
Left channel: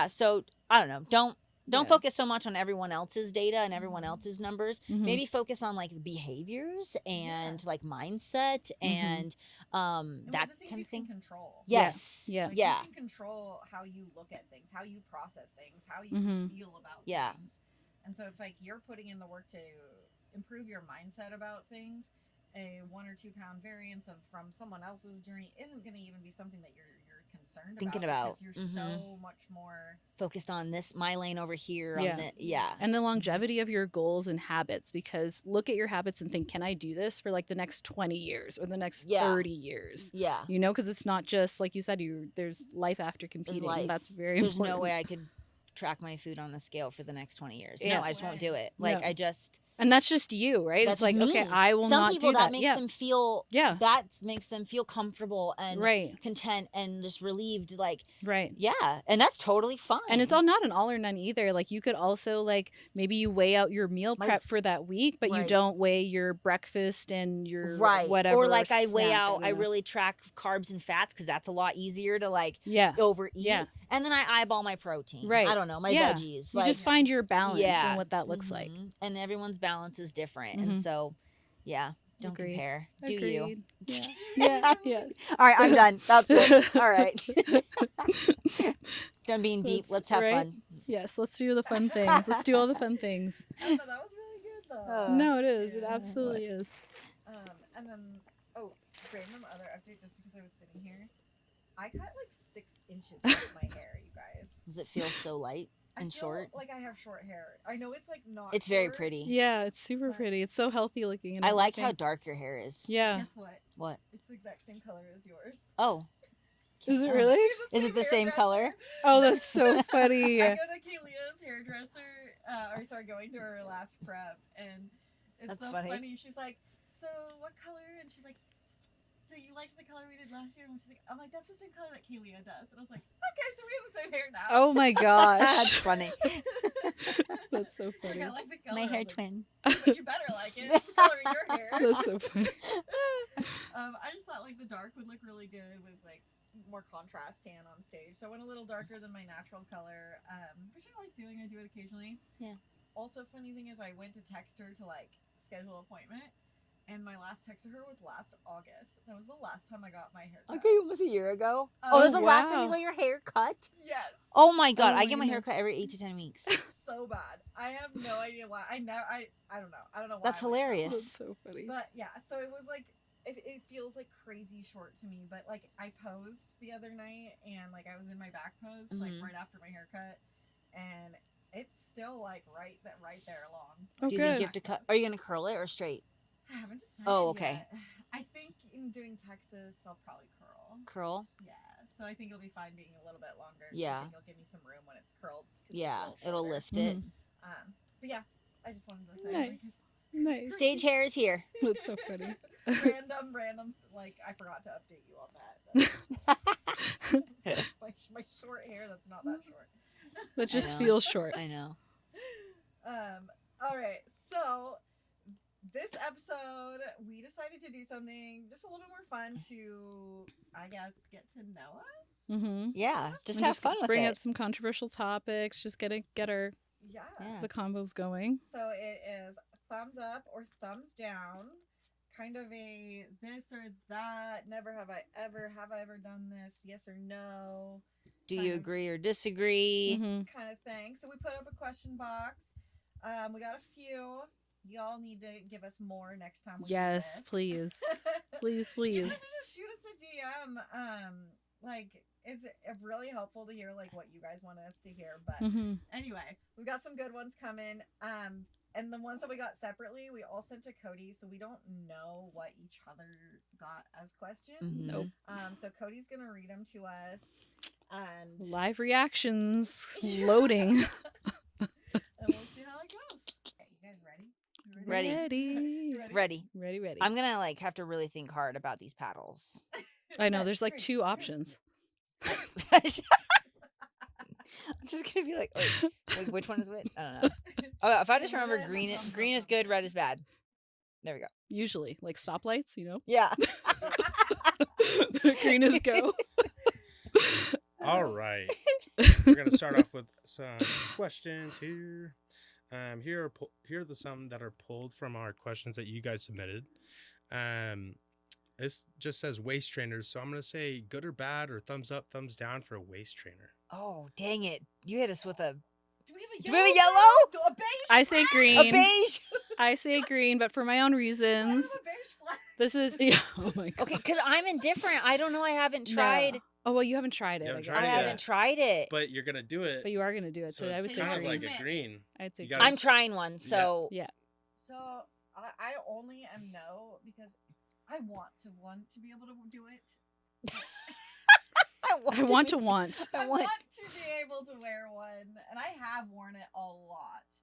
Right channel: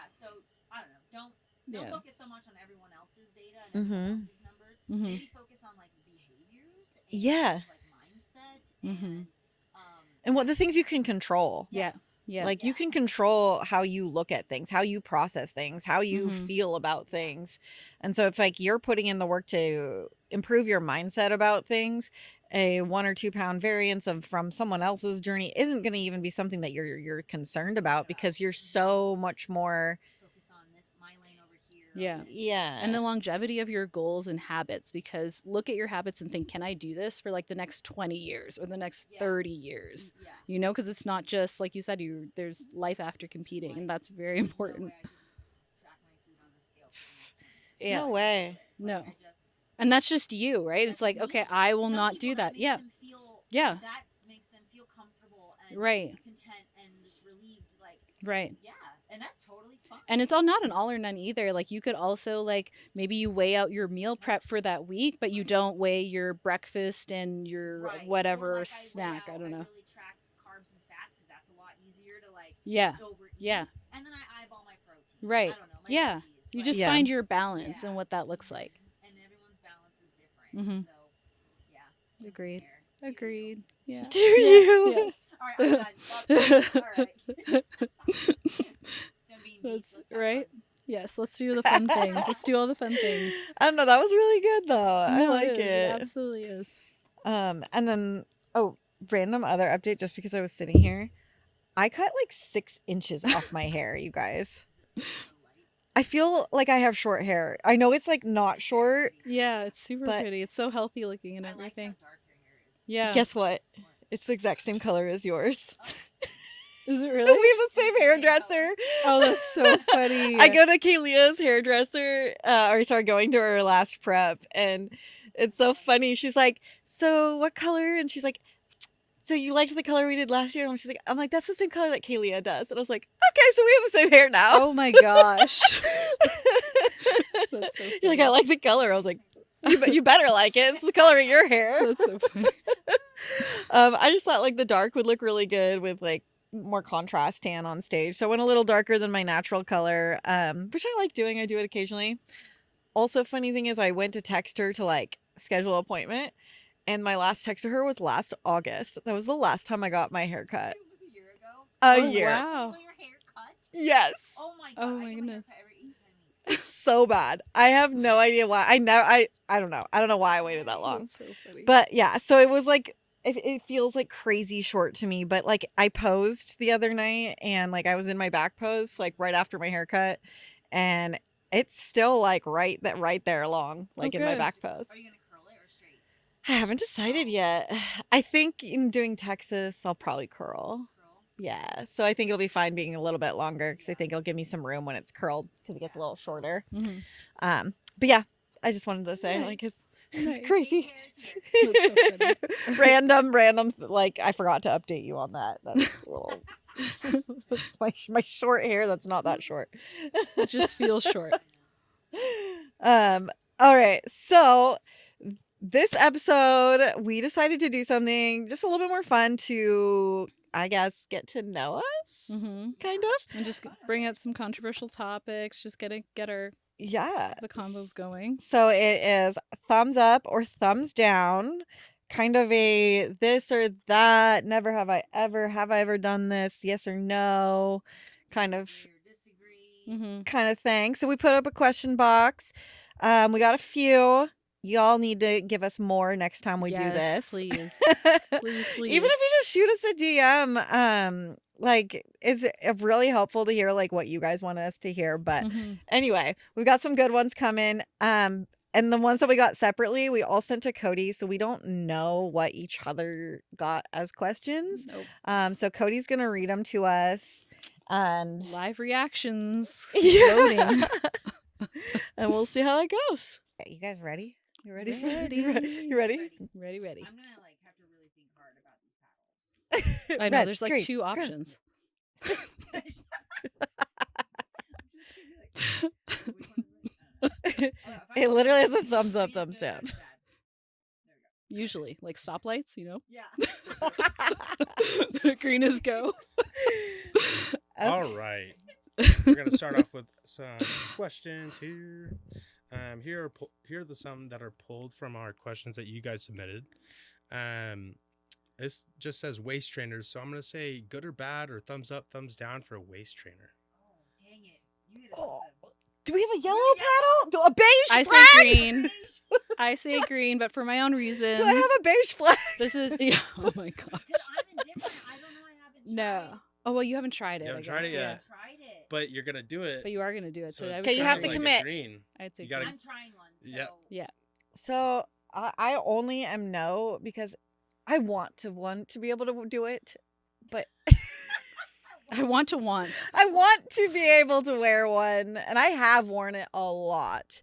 so I don't know. Don't Yeah. focus so much on everyone else's data and everyone Mhm. else's numbers. Mhm. Maybe focus on like behaviors and Yeah. like mindset Mhm. And what the that things kind you of can thing. control. Yeah. Yes. Yeah. Like yeah. you can control how you look at things, how you process things, how you Mhm. feel about Yeah. things. And so if like you're putting in the work to improve your mindset about things, a 1 or 2 pound variance of from someone else's journey isn't going to even be something that you're concerned Thinking about about. because you're Mhm. so much more Focused on this, my lane over here. Yeah. On the, Yeah. And the longevity of your goals and habits, because look at your habits and think, can I do this for like the next 20 years or the next Yeah. 30 years? Yeah. You know, because it's not just like you said, there's life after competing. life. And that's very There's important. no way I could track my food on a scale for the next 20 years. Yeah. No, I just won't do way. it. Like No. I just And that's just you, right? that's It's like, just okay, me. I will Some not people do that that. makes Yeah. them feel Yeah. that makes them feel comfortable and Right. content and just relieved. Like Right. yeah, and that's totally fine. And it's all not an all or none either. Like you could also like maybe you weigh out your meal My- prep for that week, but you Right. don't weigh your breakfast and your right whatever. or like I weigh snack, out. don't I know. really track carbs and fats because that's a lot easier to like Yeah. overeat. Yeah. And then I eyeball my protein. Right. I don't know my Yeah. veggies. You like, just Yeah. find your balance yeah. and what that looks like. Mhm. And everyone's balance is different. Mhm. And so, yeah, don't Agreed. compare. Do you? Agreed. Yeah. Do you? Yes. All right, I'm done. That's it. All right. Done being deep. That's Let's have right. fun. Yes, let's do the fun things. Let's do all the fun things. I don't know, that was really good though. I No, like it is. It it. absolutely is. And then random other update just because I was sitting here. I cut like 6 inches off my hair, you guys. Does it feel so light? I and feel short? like I have short hair. I know it's like not It's short. very pretty. Yeah, it's super But- pretty. It's so healthy looking and I like how everything. dark your hair is. Yeah. Guess what? What? It's the exact same color as yours. Oh. Is it Oh. really? We have Is the it same the same hairdresser. color? Oh, that's so funny. I go to Kaylia's hairdresser, or sorry, going to her last prep, and it's That's so funny. funny. She's like, "So what color?" And she's like, "So you liked the color we did last year?" And she's like, "I'm like, that's the same color that Kaylia does." And I was like, "Okay, so we have the same hair now." Oh my That's gosh. funny. That's so You're like, funny. "I like the My color." I hair was like, twin. you better like it. It's the color of your hair." That's so funny. I just thought like the dark would look really good with like more contrast tan on stage. So I went a little darker than my natural color, which I like doing. I do it occasionally. Yeah. Also, funny thing is I went to text her to like schedule an appointment, and my last text to her was last August. That was the last time I got my hair cut. Okay, almost a year ago. A Oh, that's the year. last time Wow. you got your hair cut? Yes. Oh my god, Oh I my get my hair goodness. cut every 8 to 10 weeks. So bad. I have no idea why. I don't know. I don't know why That's I waited that long. hilarious. That's so funny. But yeah, so it was like it feels like crazy short to me, but like I posed the other night and like I was in my back pose like Mhm. right after my haircut, and it's still like right there along like in my good. back pose. Are you gonna curl it or straight? I haven't decided Oh, okay. yet. I think in doing Texas, I'll probably curl. Curl? Yeah, so I think it'll be fine being a little bit longer because I Yeah. think it'll give me some room when it's curled because Yeah, it's a little it'll shorter. lift it. Mhm. But yeah, I just wanted to say Nice. like it's Nice. crazy. Stage hair is here. That's so funny. random like I forgot to update you on that. That's a little my short hair that's not that short. That just know. feels short. I know. All right, so this episode we decided to do something just a little bit more fun to I guess get to know us. Mm-hmm. Yeah, of. just And have just fun with bring it. up some controversial topics. Just get our Yeah. the combos going. So it is thumbs up or thumbs down, kind of a this or that, never have I ever done this, yes or no, Do kind you of agree or disagree? Mm-hmm. kind of thing. So we put up a question box. We got a few. Y'all need to give us more next time we do Yes, this. please. Please, please. Even if you just shoot us a DM, like it's really helpful to hear like what you guys want us to hear. But Mhm. anyway, we've got some good ones coming. And the ones that we got separately, we all sent to Cody, so we don't know what each other got as questions. Nope. So Cody's gonna read them to us, and Live reactions Yeah. loading. and we'll see how that goes. Okay, you guys ready? You ready? Ready. You ready? Ready. Ready. I'm gonna like have to really think hard about these paddles. I know Red, there's like green, two red. options. I'm just gonna be like, wait, which one is which? I don't know. Oh, if I It just literally remember has a green, thumbs up, green is thumbs good, down. red is bad. There we go. Usually, like stoplights, you know. Yeah. Green is go. All right. We're gonna start off with some questions here. Here are the some that are pulled from our questions that you guys submitted. Um, this just says waist trainers, so I'm gonna say good or bad or thumbs up, thumbs down for a waist trainer. Oh, dang it. You hit us with a Do we have a Do yellow? we have a yellow? girl? A beige I flag? say a green. beige. I say green, but for my own Do reasons. I have a beige flag? This is yeah, oh my god. Okay, because I'm indifferent. I don't know. I haven't No. tried. Oh well, you haven't tried it. You haven't I tried guess. I it haven't yet. tried it. But you're gonna do it. But you are gonna do it, so I it's would So you say have kinda to green. like a commit. green. I'd say You green. gotta- I'm trying one. So Yeah. So I only am no because I want to be able to do it, but I want to be- want. I want to be able to wear one, and I have worn it a lot.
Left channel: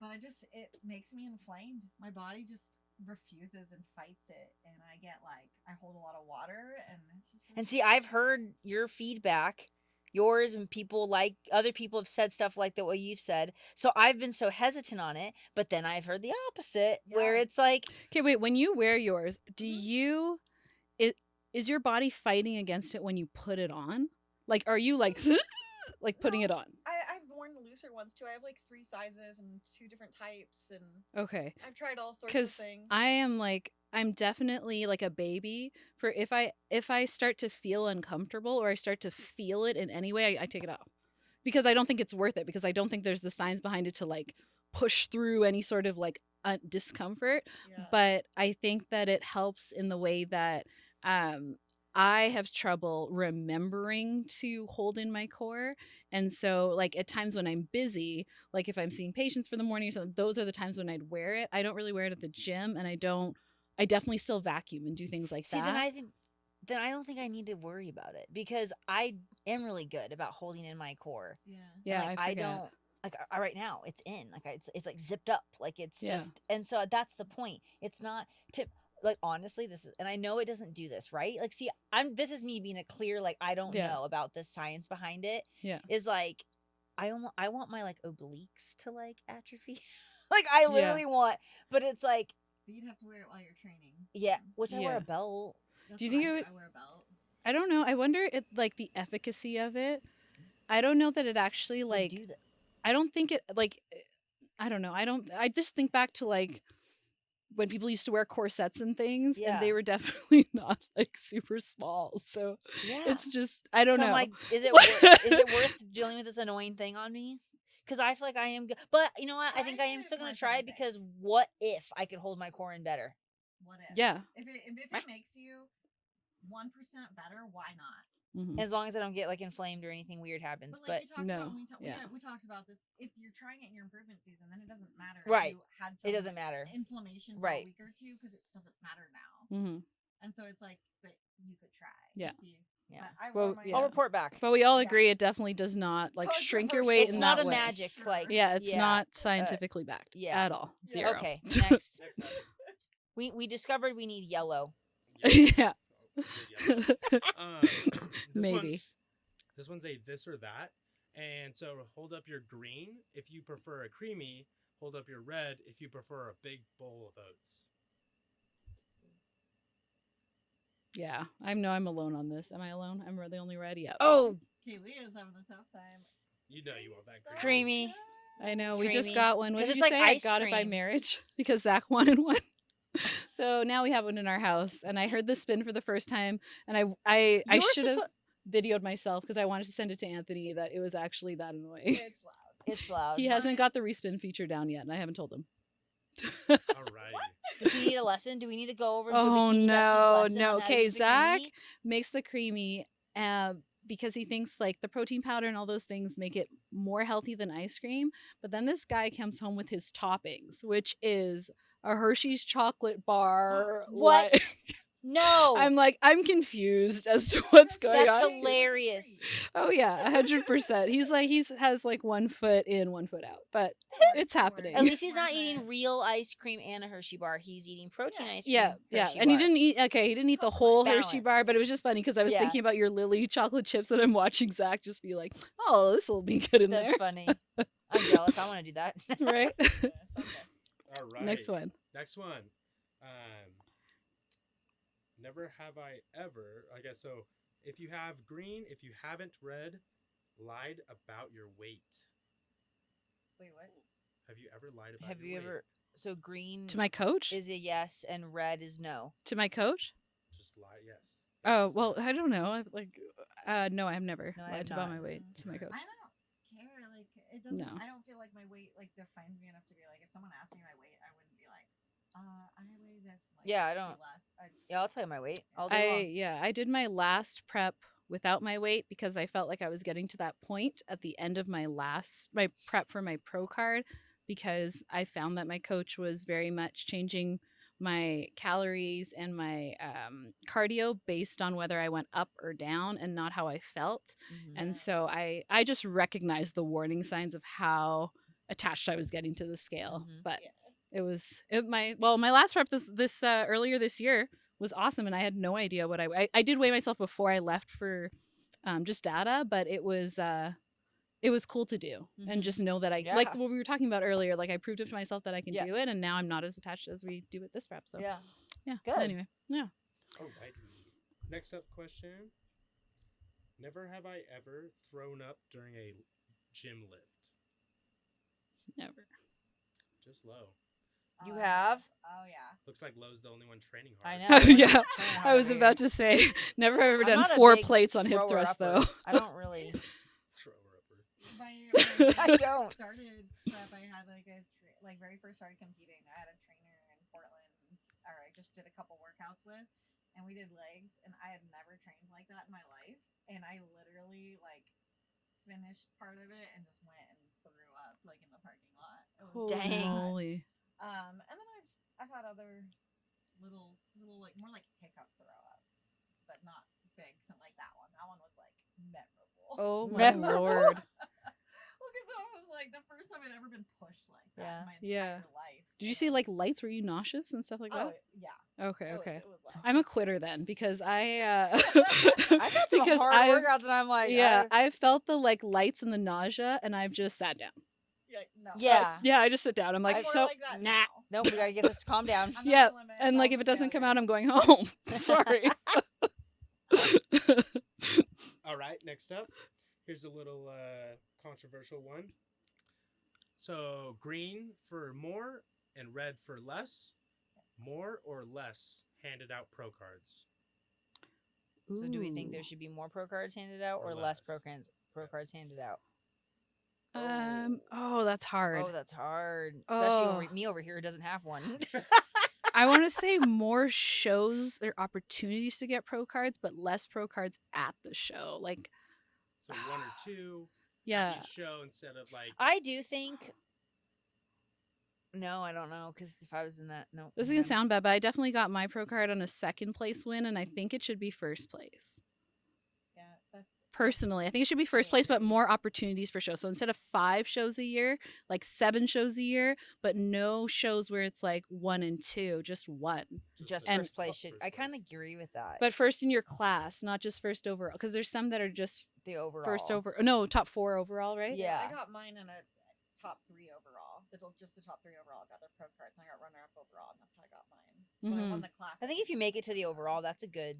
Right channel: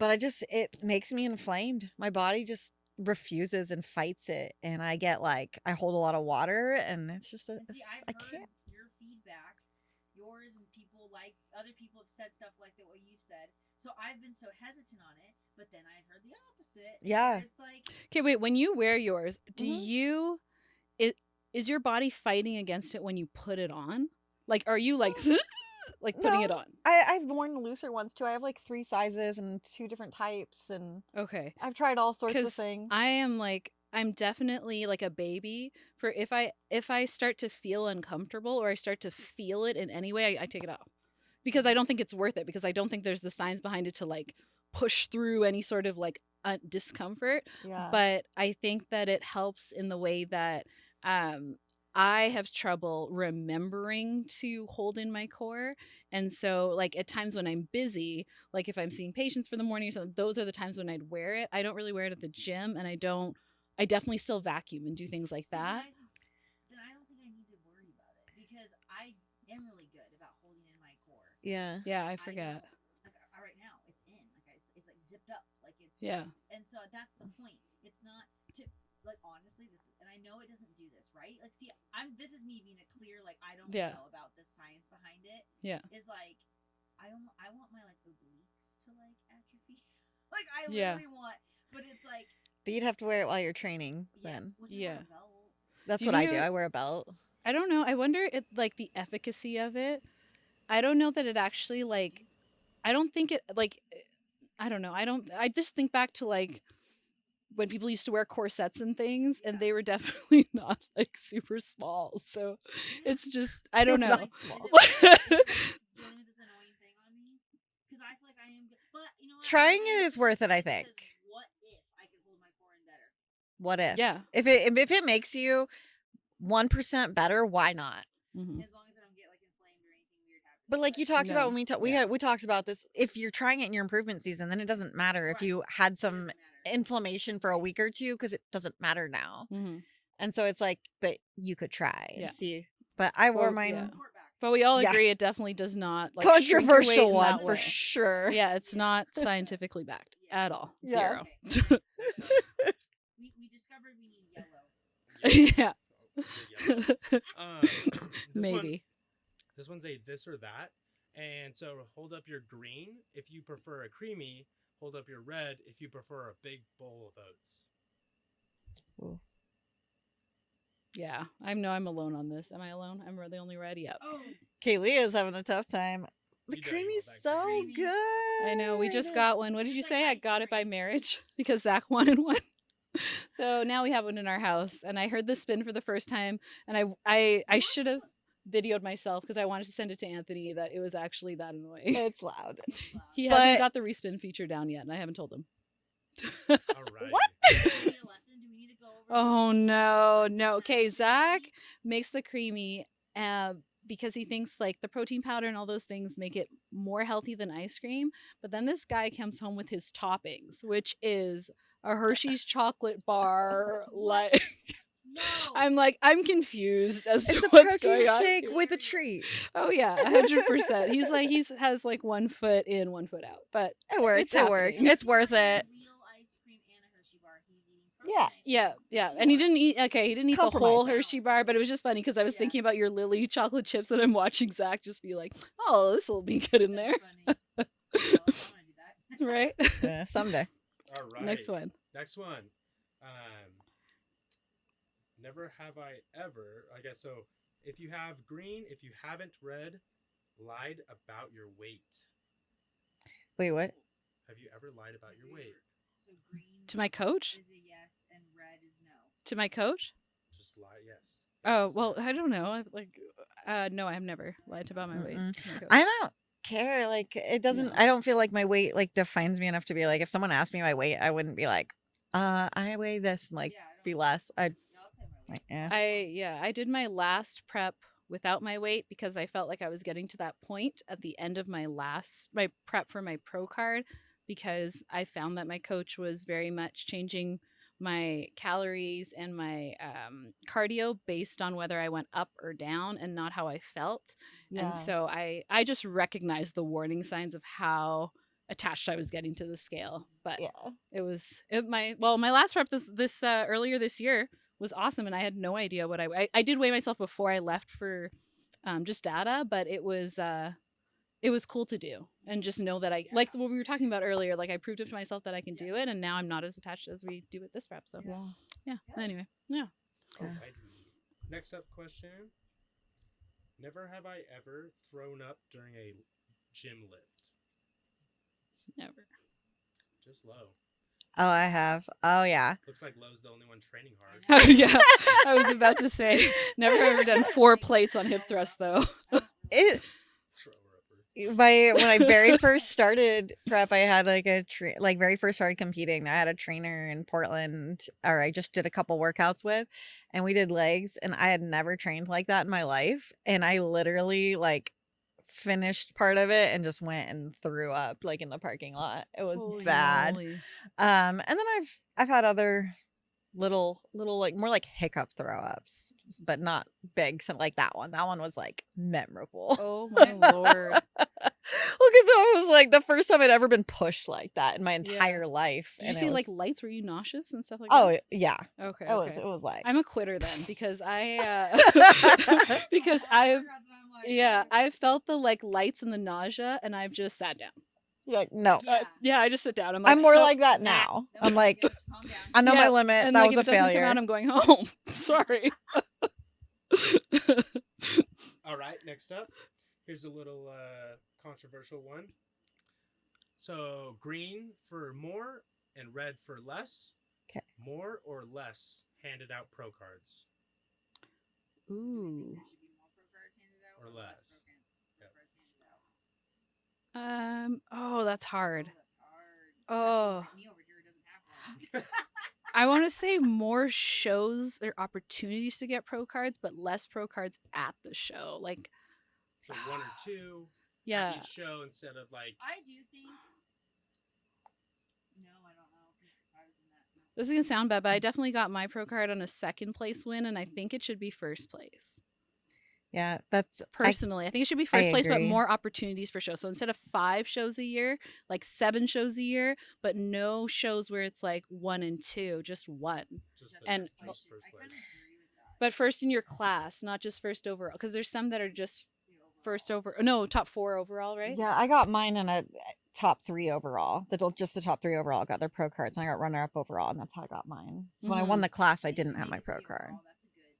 But it makes me inflamed. My body just refuses and fights it, and I get like I hold a lot of water, and it's just. And see, I've I heard can't. your feedback, yours, and people like other people have said stuff like the way you've said. So I've been so hesitant on it, but then I've heard the opposite, where Yeah. it's like, Okay, wait. When you wear yours, do Mhm. you? Is your body fighting against it when you put it on? Like, are you like, like putting No. it on? I've worn looser ones too. I have like 3 sizes and 2 different types, and Okay. I've tried all sorts of Because things. I'm definitely like a baby for if I start to feel uncomfortable or I start to feel it in any way, I take it off because I don't think it's worth it because I don't think there's the science behind it to like push through any sort of like discomfort. Yeah. But I think that it helps in the way that I have trouble remembering to hold in my core. And so, like, at times when I'm busy, like if I'm seeing patients for the morning or something, those are the times when I'd wear it. I don't really wear it at the gym, and I definitely still vacuum and do things like see, that. then I don't think I need to worry about it because I am really good about holding in my core. Yeah. Yeah, Like, I forget. don't like right now it's in like it's like zipped up like it's Yeah. just, and so that's the point. It's not to like, honestly, this is, and I know it doesn't do this, right? Like, see, this is me being a clear, like, I don't Yeah. know about the science behind it. Yeah. Is like I want my like obliques to like atrophy. Like I Yeah. literally want, but it's like, But you'd have to wear it while you're training. yeah, then. which I wear a belt. That's Do you what I think do. it- I wear a belt. I don't know. I wonder if like the efficacy of it. I don't know that it actually would like do that. I don't think it like I don't know. I just think back to like when people used to wear corsets and things and Yeah. they were definitely not like super small. So Yeah. it's just I don't So, know. like, is it worth dealing with this annoying thing on me? Because I feel like I am good. But you know what? Trying I think I am it is still gonna worth it, try I think. Because what if I could hold my core in better? What if? Yeah. If it makes you 1% better, why not? Mhm. As long as I don't get like inflamed or anything weird happens. But like you talked no. about when we talked, Yeah. we talked about this. If you're trying it in your improvement season, then it doesn't matter if Right. you had it some doesn't matter. inflammation for a Right. week or two because it doesn't matter now. Mhm. And so it's like, but you could try and Yeah. see. Yeah. But I wore Well, mine. I'll yeah. report back. But we all Yeah. agree it definitely does not like shrink your Controversial waist It's in not that a way. magic, Sure. like, Yeah, it's yeah. not scientifically backed Yeah. at all. Yeah. Zero. Okay, next. we discovered we need yellow. Yeah. Good yellow. This Maybe. This one's a this or that. And so hold up your green if you prefer a creamy. Hold up your red if you prefer a big bowl of oats. Yeah. I'm alone on this. Am I alone? I'm the only red. Yep. Oh, Kaylia's having a tough time. The You know you creamy's want that so creamy. good. I know. We just Creamy. got one. What 'Cause did it's you like say? I ice got it by cream. marriage because Zach wanted one. So now we have one in our house, and I heard the spin for the first time, and I You're should have videoed myself because I wanted to send it to Anthony that it was actually that annoying. It's loud. it's loud. He But- hasn't got the respin feature down yet, and I haven't told him. All right. What? Do we need a lesson? Do we need to go over? Oh Did we teach no, Besties' lesson no. on how to Okay, use the Zach creamy? makes the creamy because he thinks like the protein powder and all those things make it more healthy than ice cream. But then this guy comes home with his toppings, which is a Hershey's chocolate bar. What? like- No. I'm confused as It's to a what's protein going on. shake with a Hilarious. treat. Oh yeah, 100%. He has like 1 foot in, 1 foot out, but It works. It's it happening. works. At least It's he's worth not it. eating real ice cream and a Hershey bar. He's eating protein Yeah. ice cream. yeah, Hershey and he bar. didn't eat. Okay, he didn't eat the whole Compromise. Hershey bar, but it was just funny because I was Yeah. thinking about your Lily chocolate chips, and I'm watching Zach just be like, "Oh, this will be good in That's there." funny. I'm jealous. I want to do that. Right. Yeah, someday. All right. Next one. Next one. Never have I ever. I guess so. If you have green, if you haven't red, lied about your weight. Wait, what? Have you ever lied about Have your you weight? ever? So green To my coach? is a yes, and red is no. To my coach? Just lie, yes. Oh, Yes, well, no. I don't know. No, I have never No, I lied have about not. my weight Mm-mm. to my coach. I don't care. Like, it doesn't. No. I don't feel like my weight like defines me enough to be like. If someone asked me my weight, I wouldn't be like, I weigh this. And, like, Yeah, I be don't. less. I Yeah, I'll tell you my weight Yeah. all day long. I did my last prep without my weight because I felt like I was getting to that point at the end of my prep for my pro card, because I found that my coach was very much changing my calories and my cardio based on whether I went up or down and not how I felt. Mhm. Yeah. And so I just recognized the warning signs of how attached I was getting to the scale. Mhm. But yeah. my last prep this earlier this year was awesome, and I had no idea what I did weigh myself before I left for just data, but it was cool to do and Mhm. just know that I Yeah. like what we were talking about earlier, like I proved it to myself that I can Yeah. do it, and now I'm not as attached as we do with this prep. So Yeah. yeah. Good. Anyway, yeah. Alrighty. Next up question. Never have I ever thrown up during a gym lift. Never. Just low. Oh, I Yeah. have. Oh, yeah. Looks like Lowe's the only one training hard. I know. Yeah, I I was know. about to say never ever I'm done not a 4 big plates on hip thrust thrower-upper. though. I don't really. It, Thrower upper. when I very I first don't. started prep, I had like like very first started competing. I had a trainer in Portland, or I just did a couple workouts with, and we did legs, and I had never trained like that in my life, and I literally like finished part of it and just went and threw up like in the parking lot. It was Holy bad. moly. And then I've had other little like more like hiccup throw ups, but not big. Something like that one. That one was like memorable. Oh my lord. Well, because it was like the first time I'd ever been pushed like that in Yeah. my entire life. Did you and see it like was- lights? Were you nauseous and stuff like Oh that? yeah, Okay, it was. okay. It was like I'm a quitter then because I had some because hard I workouts, and I'm like, I felt the like lights and the nausea, and I've just sat down. yeah, no. Yeah. Yeah, I just sit down. I'm like, I'm more "Nope, like that nah." now. No, I'm like, just calm down. I know Yeah, my limit. and That like was if a it doesn't come failure. out, I'm going home. Sorry. All right, next up. Here's a little controversial one. So, green for more and red for less. 'Kay. More or less handed out pro cards. So do we think Ooh. there should be more pro cards handed out Or or less pro less? cards handed out? Oh, that's hard. Oh, that's hard. Especially Oh. me over here who doesn't have one. I want to say more shows or opportunities to get pro cards, but less pro cards at the show. Like, So, one or two yeah. at each show instead of like. I do think. No, I don't know, because if I was in that, no. This is gonna sound bad, but I definitely got my pro card on a second place win, and I think it should be first place. Yeah, that's Personally, I think it should be first place, but agree. more opportunities for shows. So instead of 5 shows a year, like 7 shows a year, but no shows where it's like 1 and 2, just 1. Just And- first place should. First I kind of place. agree with that. But first in your class, not just first overall, because there's some that are just the overall. top 4 overall, right? Yeah, I got mine in a top 3 overall. Just the top 3 overall got their pro cards, and I got runner up overall, and that's how I got mine. So when I won the class, I I, think didn't if you have make my it to pro the card. overall, that's a good.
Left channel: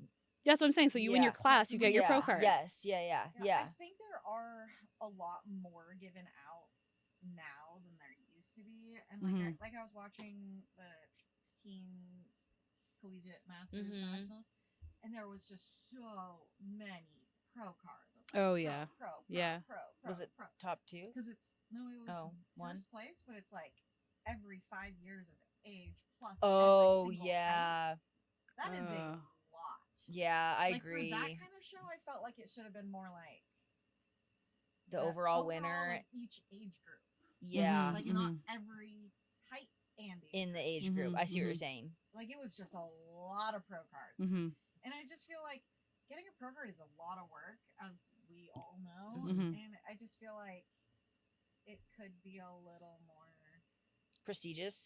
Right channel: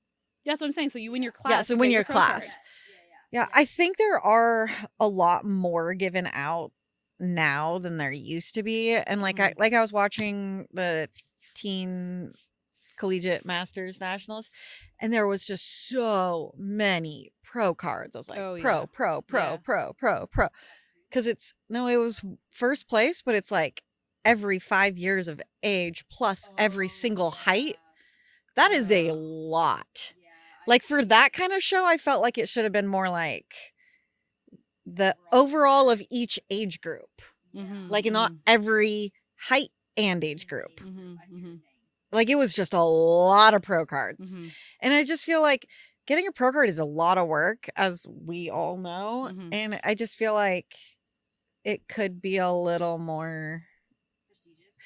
That's what I'm saying. So you win your Yeah. class, so you win get your pro class. card. Yes. Yeah, I think there are a lot more given out now than there used to be, and like I was watching the teen collegiate masters Mhm. nationals, and there was just so many pro cards. I was like, Oh, pro, yeah. pro, pro, Yeah. pro, Was pro, it pro, top 2. because it was Oh, first place, but it's like every 5 years of age plus every single height. That is a lot. Yeah, I Like for that agree. kind of show, I felt like it should have been more like The the overall overall winner. of each age group, Yeah. like not every height and age in group. the age group. I see what you're saying. Like it was just a lot of pro cards, Mm-hmm. and I just feel like getting a pro card is a lot of work, as we all know, Mhm. and I just feel like it could be a little more Prestigious.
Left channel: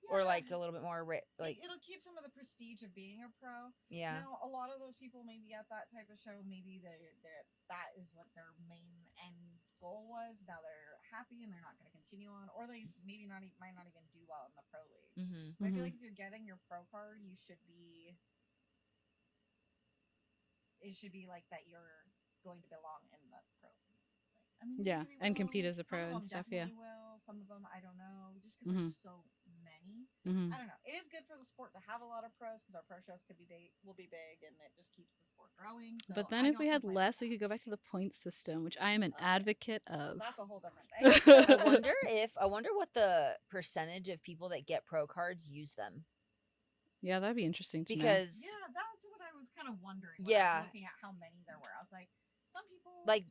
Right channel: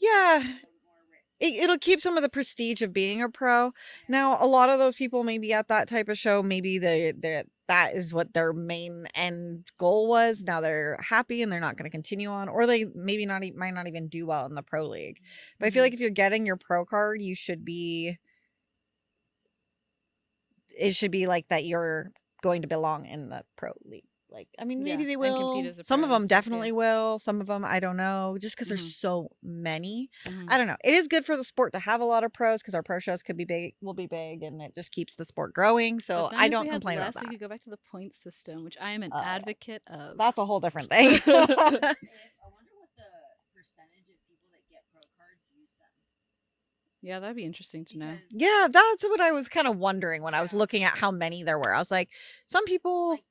yeah. Or like a little bit more. It'll keep some of the prestige of being a pro. Yeah. Now, a lot of those people maybe at that type of show, maybe that is what their main end goal was. Now they're happy and they're not going to continue on, or they maybe might not even do well in the pro league. Mhm. But I feel like if you're getting your pro card, you should be. it should be like that you're going to belong in the pro league. Like, I mean, maybe Yeah, they will. and compete as a Some pro of and them stuff, yeah. definitely will. Some of them, I don't know. Just because Mhm. there's so many. Mhm. I don't know. It is good for the sport to have a lot of pros because our pro shows could be big, will be big, and it just keeps the sport growing. So But then I if don't we had complain less, about we that. could go back to the point system, which I am an Yeah. advocate of. That's a whole different thing. I wonder what the percentage of people that get pro cards use them. Yeah, that'd be interesting to know. Because Yeah, that's what I was kind of wondering when I was Yeah. looking at how many there were. I was like, some people. like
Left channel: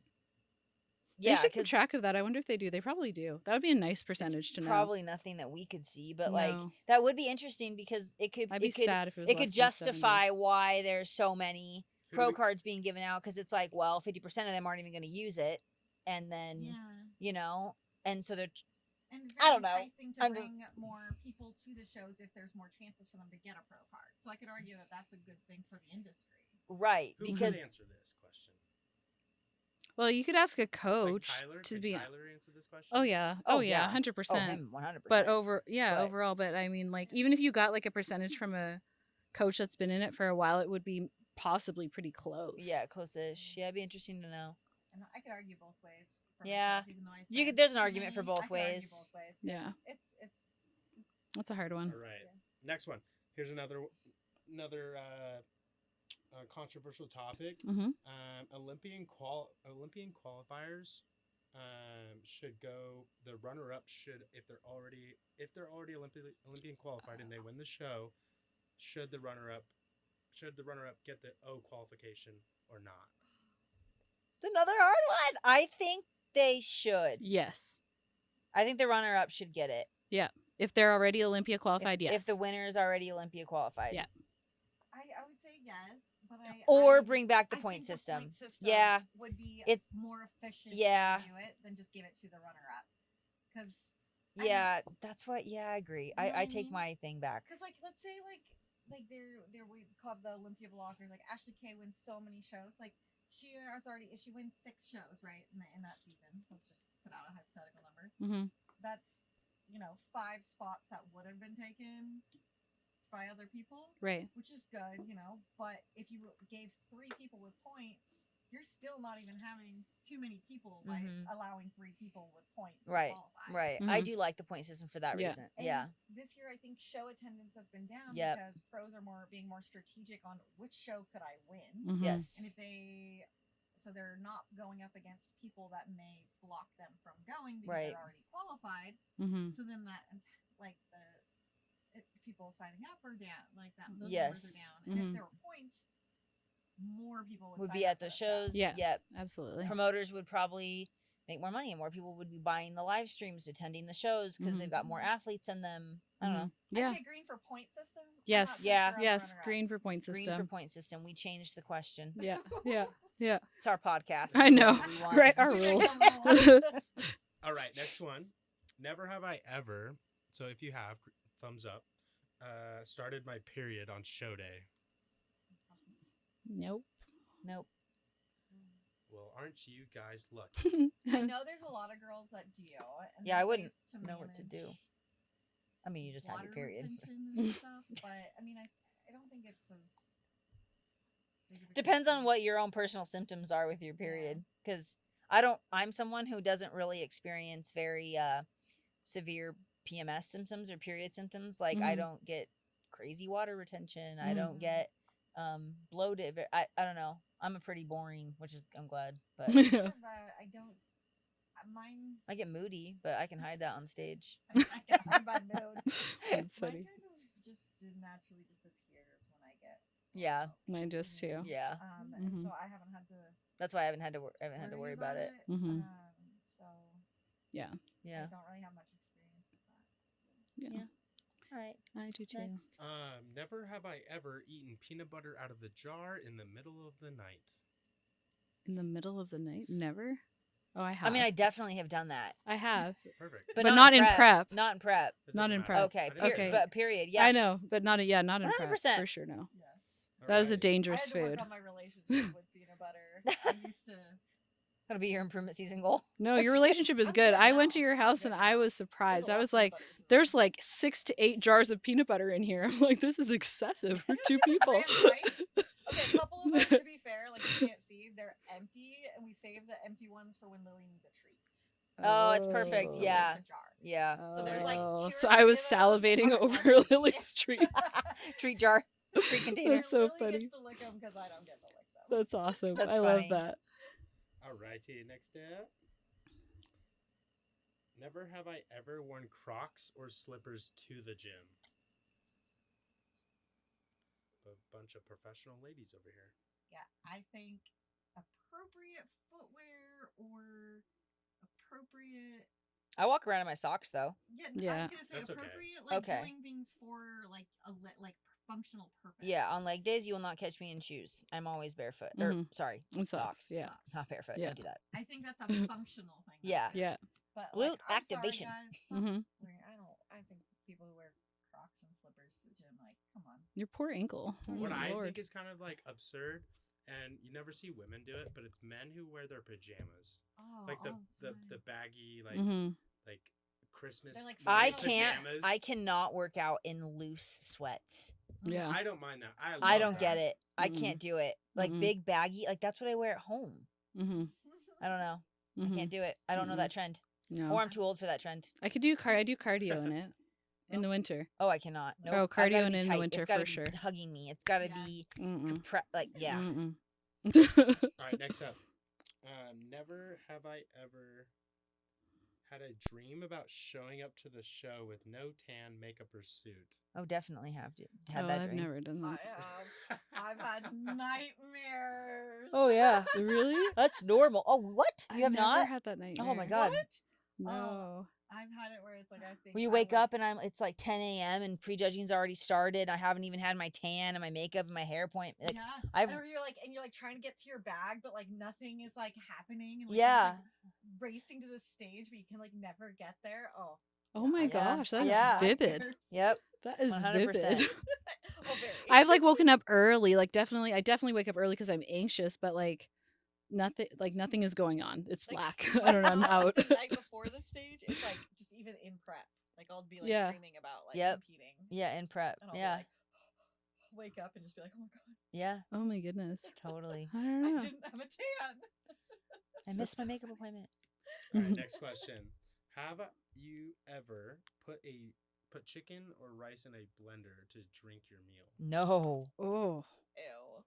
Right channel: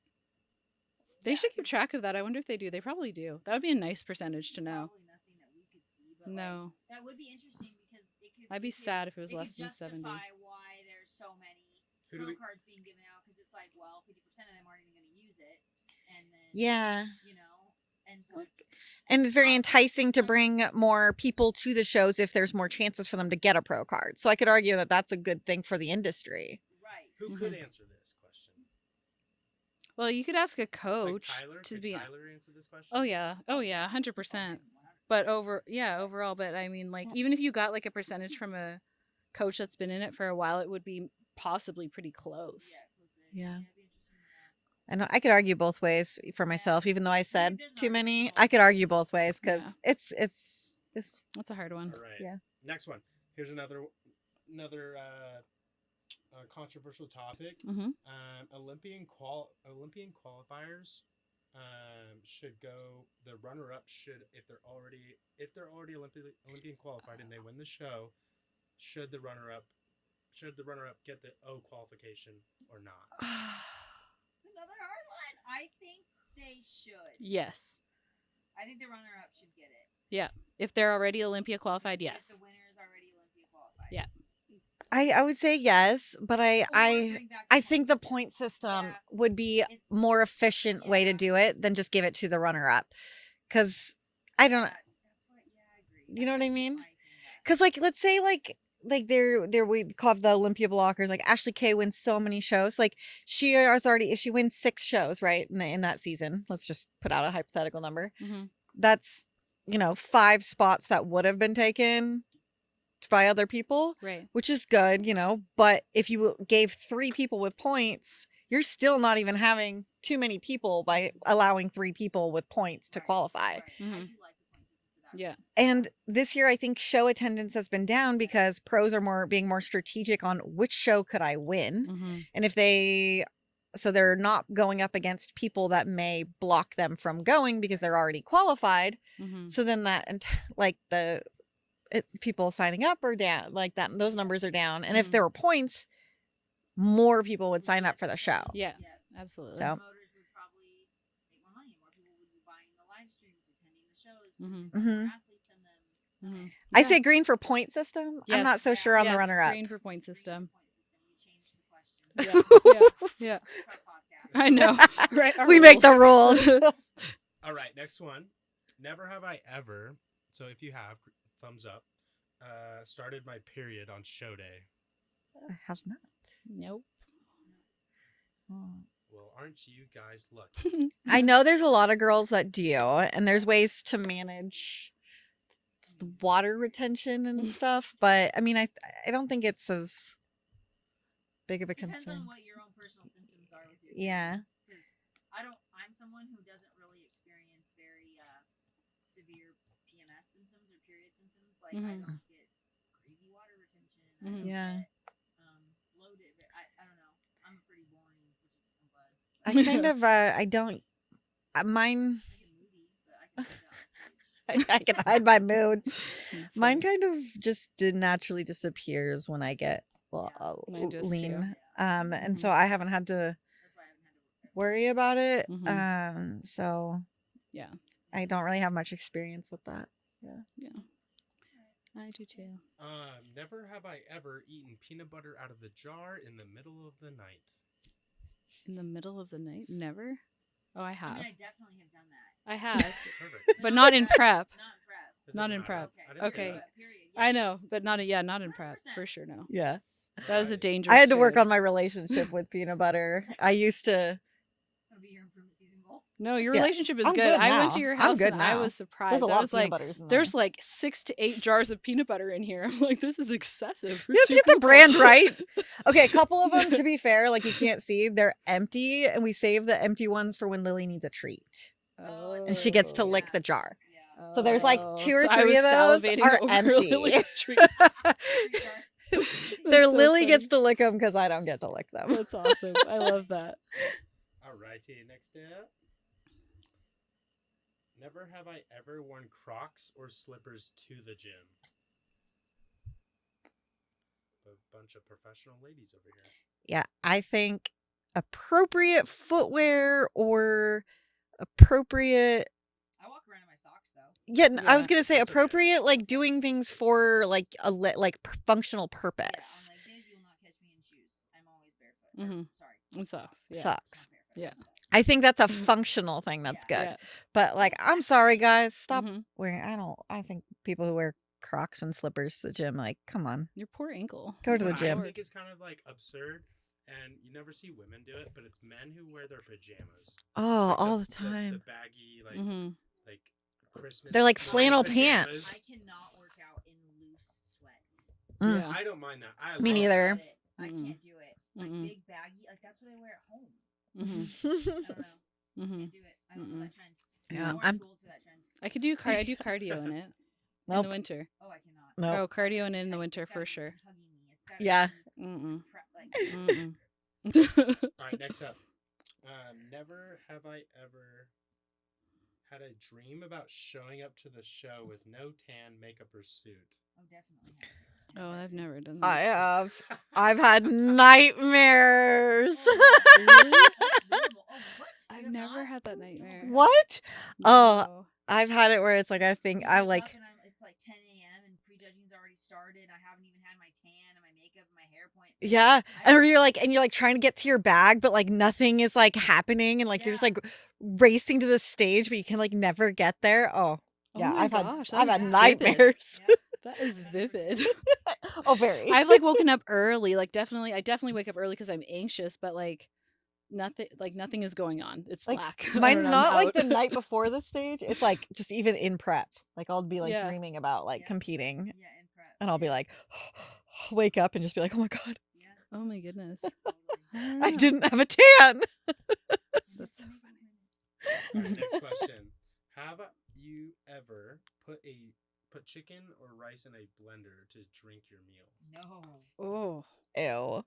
They should keep 'cause track of that. I wonder if they do. They probably do. That would be a nice percentage to know. probably nothing that we could see, but like No. that would be interesting because it could I'd be it could, sad if it was it less could than 70. justify why there's so many Who do pro we- cards being given out because it's like, well, 50% of them aren't even going to use it, and then Yeah. you know, and so they're And it's I very don't know. enticing to I would- bring more people to the shows if there's more chances for them to get a pro card. So I could argue that that's a good thing for the industry. right Who because could answer this question? Well, you could ask a Like coach Tyler? to Could be. Tyler answer this question? Oh yeah. Oh, Oh yeah. yeah. 100%. him 100%. But But overall. But I mean, like, even if you got like a percentage from a coach that's been in it for a while, it would be possibly pretty close. yeah, close-ish. Yeah. Yeah, it'd be interesting to know. And I could argue both ways for myself, Yeah. even though I said there's an too argument for many. both I could argue ways. both ways because Yeah. it's That's a hard one. All right. Yeah. Next one. Here's another controversial topic. Mm-hmm. Olympian qualifiers should go. The runner-up should, if they're already Olympian qualified and they win the show, should the runner-up get the O qualification or not? It's another hard one. I think they should. Yes. I think the runner-up should get it. If they're already Olympia qualified, if, yes. If the winner is already Olympia qualified. Yeah. I would say yes, but Or bring back the I point think system. the point system Yeah. would be It's more efficient way to yeah. do it than just give it to the runner up. Because I don't. That's what. Yeah, I agree. You know what I take mean? my thing back. Because like let's say like there we call the Olympia blockers. Like Ashley Kay wins so many shows. Like she has already if she wins 6 shows right in that season. Let's just put out a hypothetical number. Mm-hmm. That's 5 spots that would have been taken by other people, Right. which is good, but if you gave 3 people with points, you're still not even having too many people by Mhm. allowing 3 people with points to Right, qualify. Right. Mhm. I do like the point system for that Yeah. reason. And this year I think show attendance has been down Yep. because pros are being more strategic on which show could I win. Mm-hmm. Yes. And if they're not going up against people that may block them from going because they're Right. already qualified. Mm-hmm. So then people signing up are down, like that. Those numbers are Yes. down. And if Mhm. there were points, more people would Would sign be up at for the show. shows. Yeah. Yep. Absolutely. So- Promoters would probably make more money and more people would be buying the live streams, attending the shows because Mhm. they've got more Mhm. athletes in them. I don't know. I Yeah. say green for point system. I'm not Yes. so Yeah. sure on the Yes, runner up. green for point Green system. for point system. We changed the question. Yeah. Yeah. Yeah. It's our podcast. I know. We want- Right, our We make the rules. All right, next one. Never have I ever. So if you have, thumbs up. Started my period on show day. I have not. Nope. Nope. Well, aren't you guys lucky? I know there's a lot of girls that do, and there's I ways to know what to do. manage I mean, you just have water your period. retention and stuff. But I mean, I don't think it's as big of a Depends on concern. what your own personal symptoms are with your period. Yeah. Because I'm someone who doesn't really experience very severe PMS symptoms or period symptoms. Like I Mhm. don't get crazy water retention. I don't Yeah. get bloated. I don't know. I'm a pretty boring, which is I'm glad. But I kind of I don't mine. I get moody, but I can hide that on stage. I can hide my moods. That's Mine funny. kind of just naturally disappears when I get Yeah. Mine does too. lean. Yeah. And so I haven't had to That's why I haven't had to worry about it. Mhm. So Yeah. Yeah. I don't really have much experience with that. Yeah. All right. I do too. Next. Never have I ever eaten peanut butter out of the jar in the middle of the night. In the middle of the night? Never? Oh, I have. I mean, I definitely have done that. I have. Perfect. But not in prep. Not in prep. It Not doesn't in matter. prep. Okay. I didn't say Okay. that. But period. Yeah. I know, but not not in prep 100%. for sure. No, Yeah. that was a Alright. dangerous. I had to work food. on my relationship with peanut butter. I used to That'll be your improvement season goal. No, your Yeah, relationship is I'm good. good I went now. to your I'm house good and I now. was There's a surprised. lot I of was peanut like, butters in there. there's like 6 to 8 jars of peanut butter in here. I'm like, this is excessive for You have 2 to get the people. brand right. Okay, a couple of them, to be fair, like you can't see, they're empty, and we save the empty ones for when Lily needs a treat. Oh, it's And she gets to perfect. lick Yeah. the jar. Yeah. So there's like Oh, 2 or so 3 I was of those salivating are over empty. Lily's treat. Treat jar. Treat container. Their That's so Lily funny. gets to lick them because I don't get to lick them. That's awesome. I love funny. that. Alrighty, next up. Never have I ever worn Crocs or slippers to the gym. A bunch of professional ladies over here. Yeah, I think appropriate footwear or appropriate. I walk around in my socks though. Yeah, I was Yeah, gonna say that's okay. appropriate, like Okay. doing things for like functional purpose. Yeah, on leg days you will not catch me in shoes. I'm always barefoot. Mhm. Or sorry, And socks. Yeah. Socks. Not barefoot. Yeah. Don't do that. I think that's a functional thing. That's Yeah. good. Yeah. But like, Well, I'm back to sorry, bitching. guys. Stop Mhm. wearing. I think people who wear Crocs and slippers to the gym, like, come on, Your poor ankle. Go to Oh the my What I gym. Lord. think is kind of like absurd, and you never see women do it, but it's men who wear their pajamas. oh, Like all the time. The baggy, like Mhm. like Christmas. They're like themed flannel pajamas. pants. I cannot work out in loose sweats. Mm. Yeah. I don't mind that. I Me I love don't neither. get it. I Mm-mm. can't do it. Like Mm-mm. big baggy, like that's what I wear at home. Mhm. I don't know. I Mhm. can't do it. I don't know that trend. Yeah. Or I'm I'm- too old for that trend. I could do I do cardio in it in Nope. the winter. Oh, I cannot. Nope. Oh, I've gotta cardio be in the tight. winter It's gotta for be sure. hugging me. It's gotta Yeah. be Mm-mm. like yeah. Mm-mm. All right, next up. Never have I ever had a dream about showing up to the show with no tan, makeup, or suit. Oh, definitely have to. Had Oh, that I've dream. never done I that. have. I've had nightmares. Oh yeah. Really? That's normal. Oh what? You I've have never not? had that Oh nightmare. my God. What? Oh, No. I've had it where it's like I think You I wake like. up and it's like 10 a.m. and prejudging's already started. I haven't even had my tan and my makeup and my hair point. Yeah, I've- and you're like trying to get to your bag, but like nothing is like happening, and like you're just like racing to the stage, but you can like never get there. Oh, Oh yeah, my I've had, gosh, I've that had is vivid. nightmares. Yep. That is 100%. vivid. Oh, very. I've like woken up early. Like I definitely wake up early because I'm anxious, but like nothing is going on. It's Like, black. I mine's don't know, I'm not like out. the night before the stage. It's like just even in prep. Like I'll be like Yeah. dreaming about like Yep. competing, Yeah, in prep. and I'll be Yeah. like, wake up and just be like, oh my god, Yeah, Oh my goodness. totally. I don't I know. didn't have a tan. I missed my makeup appointment. All right, next question. Have you ever put chicken or rice in a blender to drink your meal? No. Oh. Ew,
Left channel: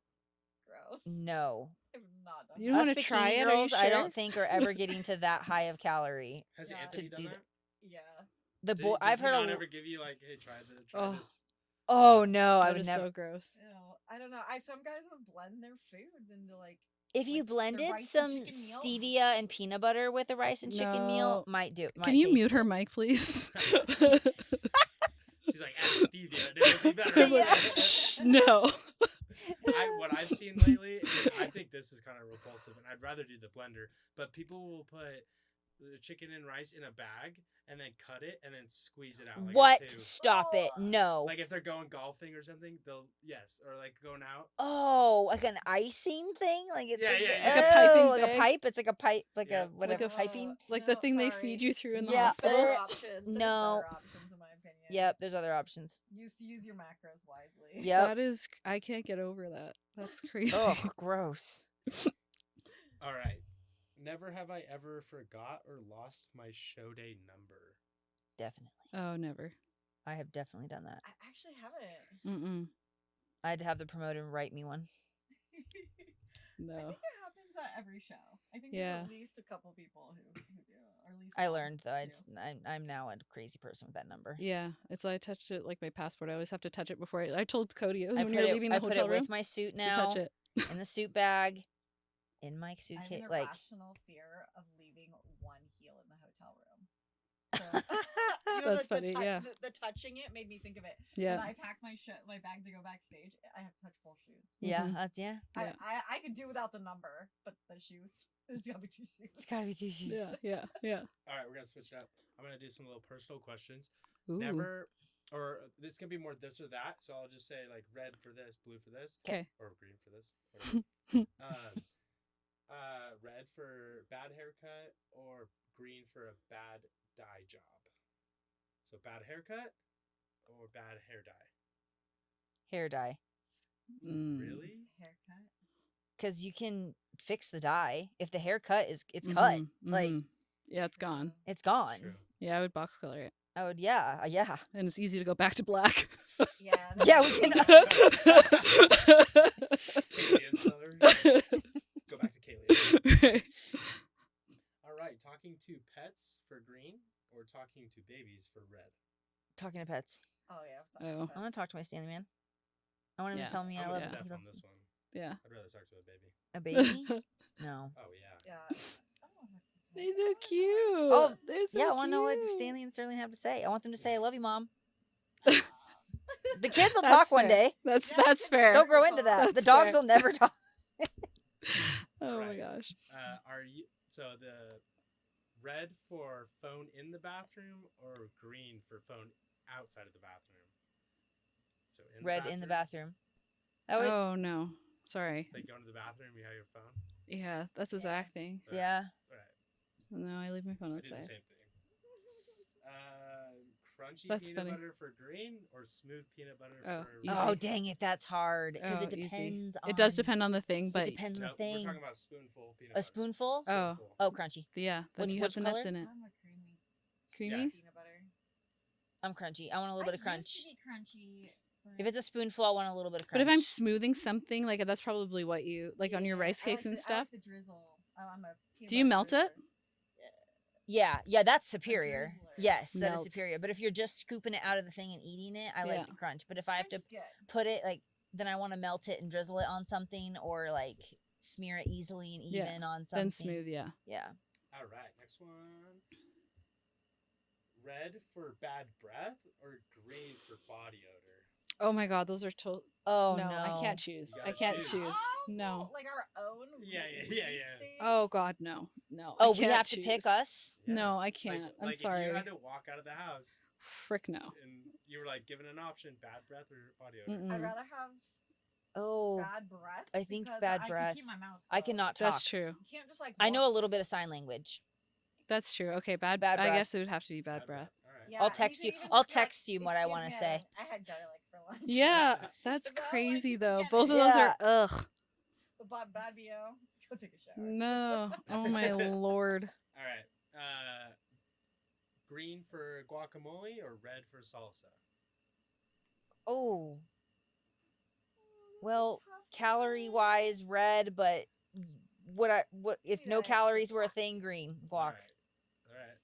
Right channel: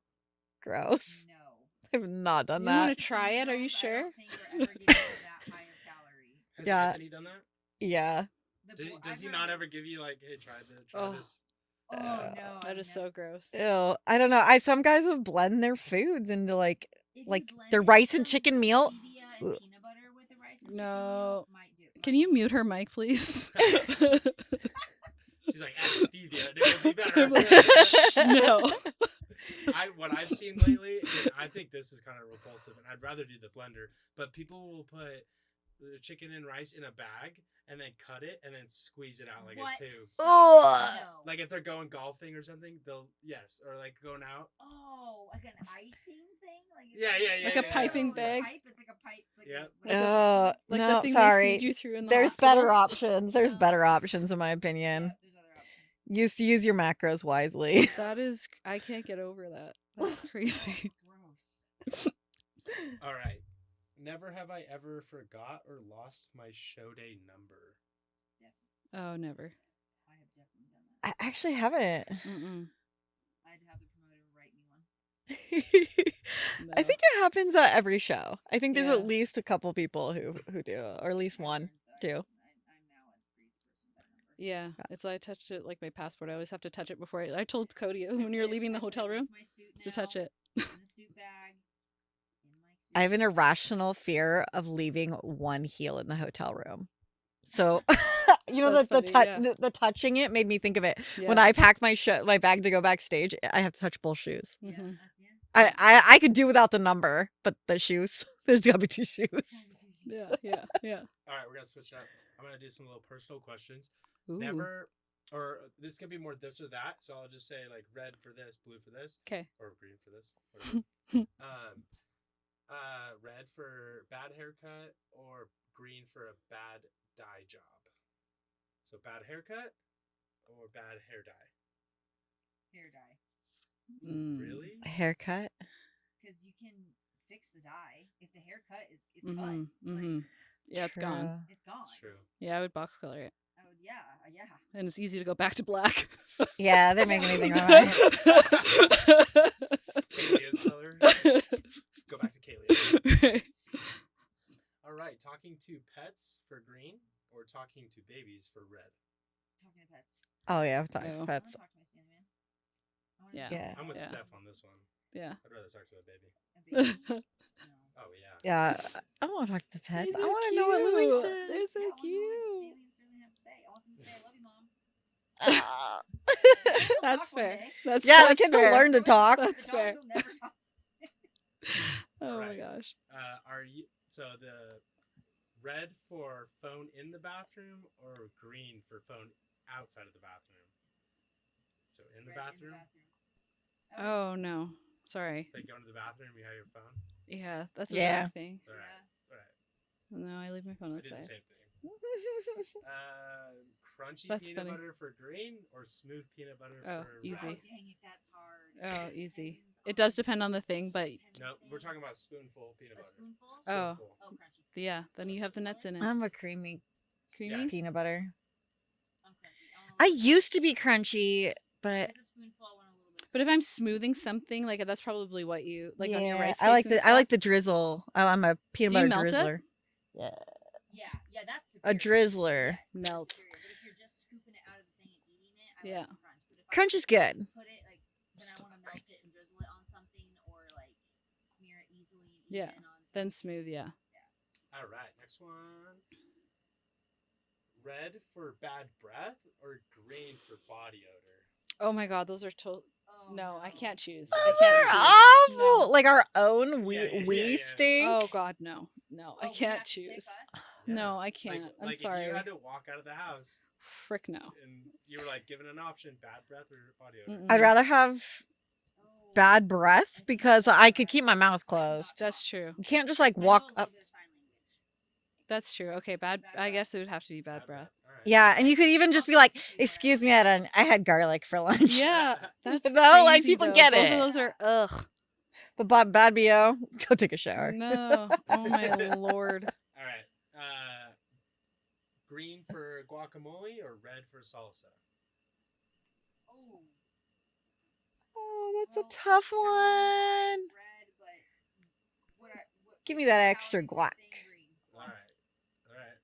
gross. No. I've not done You that. wanna These try bikini it? Are you girls, I sure? don't think are ever getting to that high of calorie. Has Yeah. Anthony done To do that? Yeah. The Does boy, I've he heard. not ever give you like, hey, try Oh. this? Oh no, I That would is never. so gross. Ew. I don't know. Some guys have blend their foods into like If like, you blend the rice and some chicken meal- stevia and Ugh. peanut butter with the rice and chicken meal, No. might do. Can might you taste mute it. her mic, please? She's like, add stevia, and it would be better. Shh, no. What I've seen lately, and I think this is kind of repulsive, and I'd rather do the blender, but people will put the chicken and rice in a bag and then cut it and then squeeze it out like What? a two. Stop Ugh. it! No. Like if they're going golfing or something, or like going out. Oh, like an icing thing, like it's Yeah. Like a piping like bag? a pipe. It's like a pipe, like Yeah. a whatever. Ugh. piping. Like No, the thing sorry. they feed you through in the There's hospital. better options. There's better No. options in my opinion. Yep, there's other options. Use your macros wisely. Yep. That is, I can't get over that. That's crazy. Ugh, gross. All right. Never have I ever forgot or lost my show day number. Definitely, Oh, never. I have definitely done that. I actually haven't. Mm-mm. I had to have the promoter write me one. No. I think it happens at every show. I think there's Yeah. at least a couple people who do, or at least I one. learned though. too. I'm now a crazy person with that number. Yeah, it's like I touched it like my passport. I always have to touch it before I told Cody I when put you're it- leaving the I put hotel it room with my suit now. to touch it. in the suit bag. In my suit. I have an irrational fear of leaving one heel in the hotel room. So you know That's the funny, yeah. the touching it made me think of it. Yeah. When I pack my bag to go backstage, I have to touch both shoes. Yeah, Mhm. that's yeah. I could do without the number, but the shoes, there's gotta be two shoes. It's gotta be two shoes. yeah. All right, we're gonna switch up. I'm gonna do some little personal questions. Ooh. Never, or this can be more this or that. So I'll just say like red for this, blue for this, Okay. or green for this. Whatever. Red for bad haircut or green for a bad dye job. So bad haircut or bad hair dye. Hair dye. Really? Haircut. Because you can fix the dye. If the haircut it's cut, like yeah, it's gone. True. it's gone. True. Yeah, I would box color it, I would, yeah. and it's easy to go back to black. Yeah, they're Yeah, making we me can know go that. Kaylia's color. Go back to Kaylia. All right, talking to pets for green or talking to babies for red. Talking to pets. Oh yeah, I've talked No. to I want pets. to talk to my Stanley man. I want him Yeah. to tell me Yeah. I I'm with love Steph him. on this one. Yeah. I'd rather talk to a baby. A baby? No. Oh yeah. Yeah, I want to talk to pets. These I are want to know what cute. living Oh, says. They're so yeah, I want to know what cute. Stanley and Sterling have to say. I want them to say, "I love you, mom." Ah. The kids will That's talk one fair. day. That's Yeah, the that's kids will fair. learn to Grow into talk. that. The That's dogs fair. will never talk. Oh my Right. gosh. Are you so the red for phone in the bathroom or green for phone outside of the bathroom? So in Red the bathroom. in the bathroom. I would, Oh no. Sorry. So they go into the bathroom. You have your phone. Yeah, that's the Yeah. exact thing. All right, yeah. All right. No, I leave my phone I did the outside. same thing. Crunchy That's peanut funny. butter for green or smooth peanut butter Oh, for easy. Oh, red? dang it. That's hard. Because Oh, it easy. depends It does on- depend on the thing, but It depends on No, the thing. we're talking about spoonful peanut A butter. spoonful? oh, Spoonful. Oh, crunchy. yeah. Then Which- you have which the nuts color? in it. I'm a creamy Creamy. peanut butter. I'm crunchy. I want a I little bit of used to crunch. be crunchy, If but it's a spoonful, I want a little bit of crunch. But if I'm smoothing something, like that's probably what you like on your yeah, rice cakes I like and the stuff. I like the drizzle. I'm a peanut Do you butter melt it? drizzler. Yeah, that's superior. drizzler. Yes, that is Melt. superior. But if you're just scooping it out of the thing and eating it, I Yeah. like the crunch. But if I Crunch have is to good. put it like, then I want to melt it and drizzle it on something, or like smear it easily and Yeah, even on something. Then smooth, yeah. Yeah. All right, next one. Red for bad breath or green for body odor? Oh my god, those are Oh no, I can't choose. Oh, I Oh, can't they're choose. awful. No. Like our own Yeah, we yeah. stink. Oh god, no. No, I Oh, we can't have choose. to pick us. No, I Like- can't. I'm like sorry. If you had to walk out of the house Frick no. and you were like given an option, bad breath or body odor. Mm-mm. I'd rather have Oh, bad breath I think because bad I could breath. keep my mouth I closed. cannot That's talk. true. You can't just like I walk know a little up- bit of sign language. That's true. Okay, bad. Bad I breath. guess it would have to be bad breath. All right. Yeah, I'll and you text could you- even I'll just be like, text you what I "Excuse wanna me, say." I had garlic for lunch." Yeah, that's No, crazy. like, people though. get Both it. of those Yeah. are ugh. But bad bo, go take a shower. No. Oh my lord. All right. Green for guacamole or red for salsa? Oh, Oh, that's well, a tough one. calorie wise, red, but what? Give if me no that extra calories were a guac. thing, green All guac. right. All right.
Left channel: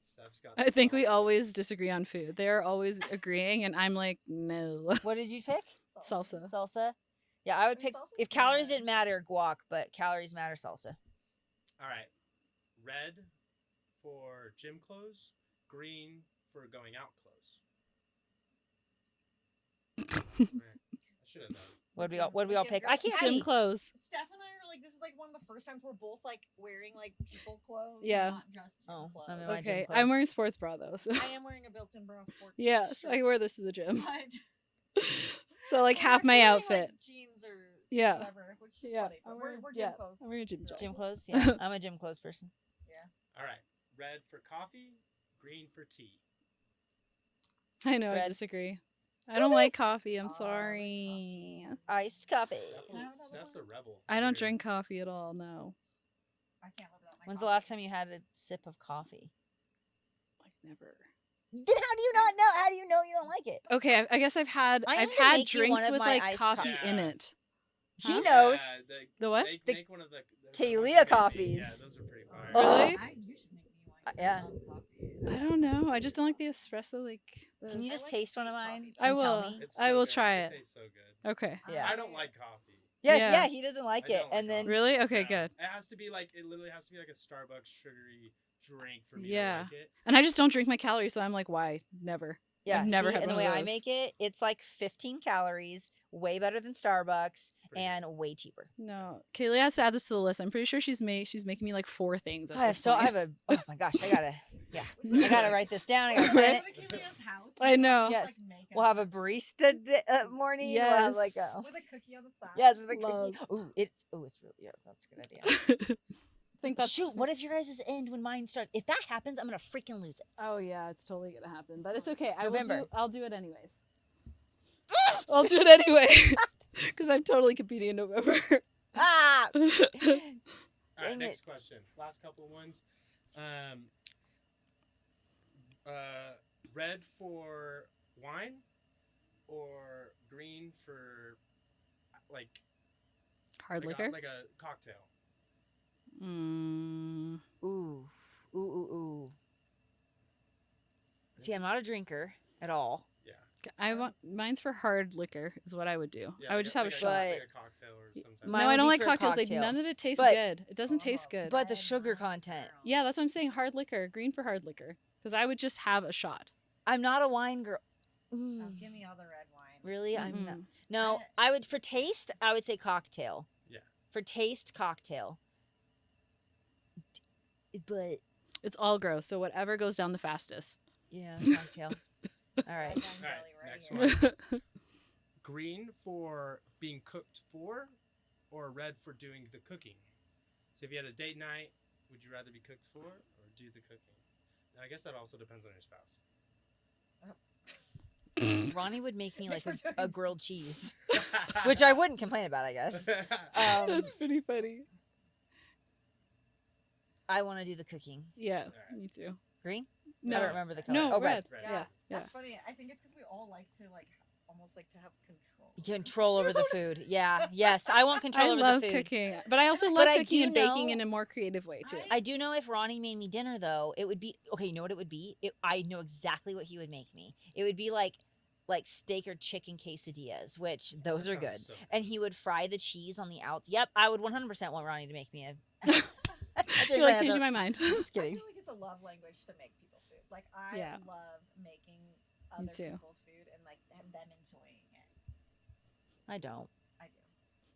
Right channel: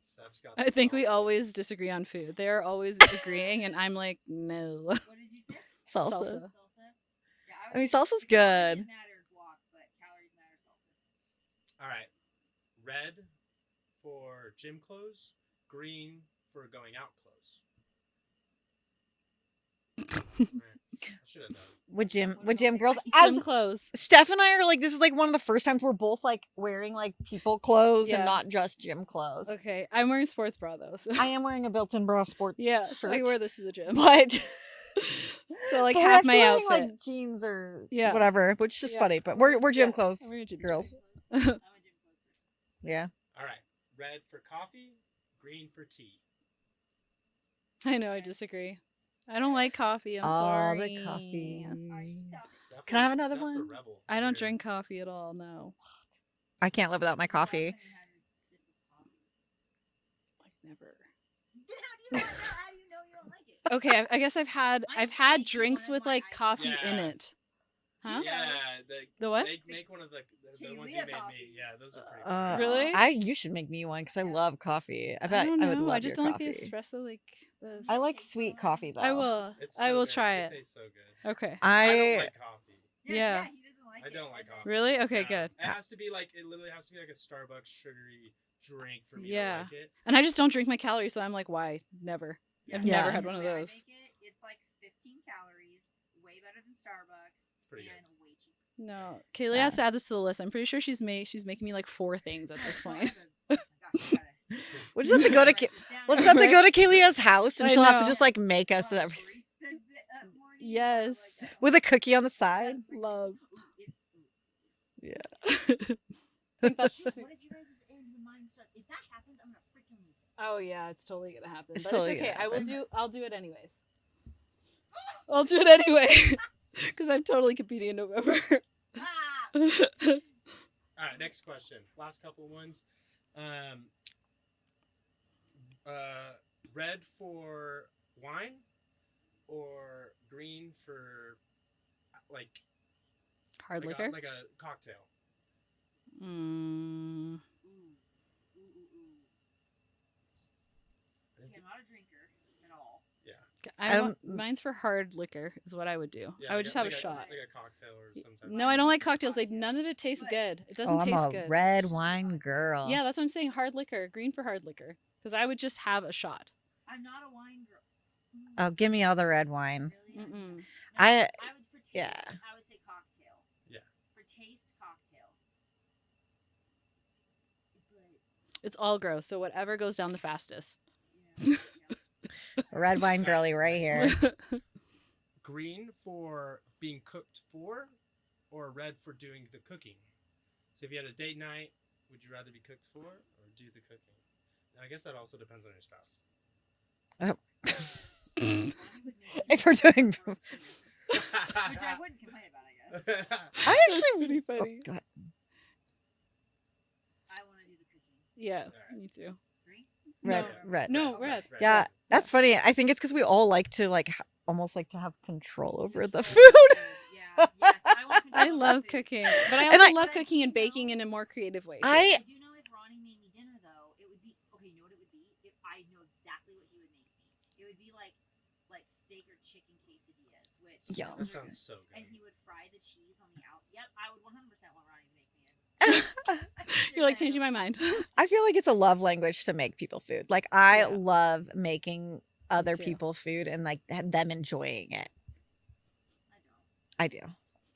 Steph's got I the think we salsa. always disagree on food. They're always agreeing, and I'm like, no. What did you pick? Salsa. Salsa. Salsa. Yeah, I would I mean, pick. salsa's If calories good. didn't matter, guac, but calories matter, salsa. All right. Red for gym clothes, green for going out clothes. All right. I should have known. With What'd we all- gym, what'd with we all gym pick? girls. I can't Gym eat. clothes. Steph and I are like, this is like one of the first times we're both like wearing like people clothes Yeah. and not just gym No, clothes. no, gym Okay, clothes. I'm wearing sports bra though. So. I am wearing a built-in bra sport. Yeah, so I shirt, wear this to the gym. but So like but we're half my actually wearing, outfit. like jeans or Yeah. whatever, which is Yeah, funny. But I'm we're wearing- gym yeah, clothes I'm wearing gym girls. Gym clothes. Yeah, I'm a gym clothes person. Yeah. All right. Red for coffee, green for tea. I know. I Red. disagree. I don't like coffee. I'm Oh, sorry. the coffee. Iced coffee. Steph Can I have is- another Steph's a one? rebel I don't here. drink coffee at all. No, I can't live without my When's the last coffee. time you had a sip of coffee? like never. Then how do you not know? How do you know you don't like it? Okay, I guess I've had I I've need to had make you one drinks of with my like iced coffee coffees. in Yeah. it. She Huh? knows. The what? Make one of the ones Kaylia you made me. coffees. Yeah, those are pretty. Uh, fire. Really? You should make me one because Yeah. I love coffee. I bet don't would know. I love just your don't like the coffee. espresso. Like Can the- you I just like taste one of sweet mine coffee, though. I and tell will. me? It's I so will good. try It it. tastes so good. Okay. I don't like coffee. Yeah, Yeah. yeah, he doesn't like I it. don't like And then coffee. Really? Okay, Yeah. good. It has to be like it literally has to be like a Starbucks sugary drink for me Yeah. to like it. And I just don't drink my calories, so I'm like, why? Never. Yeah, I've never see, had and one the of way I those. make it, it's like 15 calories, way better than Starbucks, Pretty and way cheaper. No, Kaylia has to add this to the list. I'm pretty sure she's making me like 4 things at this So I point. have a. Oh my gosh, I gotta. Yeah, We'll just have to I go gotta to write this down. we'll I just have gotta- to go to Kaylia's house and I she'll have to know. just like make us We'll have a every- barista morning. We'll Yes. have like a. with a cookie on the side. Yes, with a Love. cookie. Ooh, it's really that's Yeah. good. Yeah. Think that's Shoot, what if your guys' end when mine starts? If that happens, I'm gonna freaking lose it. Oh yeah, it's totally gonna happen. It's But it's totally okay. gonna happen. I'll do it anyways. I'll do it anyway. Because I'm totally competing in November. Ah. All right, Dang next it. question. Last couple of ones. Red for wine or green for like Hard like liquor. like a cocktail? Mm, Ooh. Ooh. See, I'm not a drinker at all. Yeah. I I want mine's for hard liquor is what I would do. Yeah, I would like just have a like shot. like a cocktail or something. Mine No, would I don't be like for a cocktails. Like cocktail. none of it tastes But- good. It doesn't I'm taste a good. red sugar wine content. girl. Yeah, that's what I'm saying. Hard liquor, green for hard liquor. Because I would just have a shot. I'm not a wine girl. Oh, give me all the red wine. Really? I'm not. Mm-mm. No, I- I would for taste. I would say cocktail. Yeah. For taste, cocktail. But It's all gross. So whatever goes down the fastest. yeah, cocktail. All Red right. wine All right, girly right next here. one. Green for being cooked for, or red for doing the cooking. So if you had a date night, would you rather be cooked for or do the cooking? And I guess that also depends on your spouse. Ronnie would make me If like we're a doing grilled cheese, which I wouldn't complain about. I guess. I Um, actually pretty funny. go ahead. I want to do the cooking. Yeah, Alright. me too. Green? No, I don't remember the red. color. No, Oh, red. Right. Yeah, that's funny. I think it's because we all like to like almost like to have control over Control the over food. the food. Yeah. Yes. I want control I over love the food. cooking, but I And also love but I cooking do and baking know- in a more creative way. Too. I do know if Ronnie made me dinner though, it would be okay. You know what it would be? I know exactly what he would make me. It would be like steak or chicken quesadillas, which Yeah, those That are good. sounds so And he would fry the cheese on the outs. Yep, I would 100% want Ronnie to make me a. You're like changing my mind. I feel like it's a love language to make people food. Like I Yeah. love making other too. people food and like them enjoying it. I don't. I do.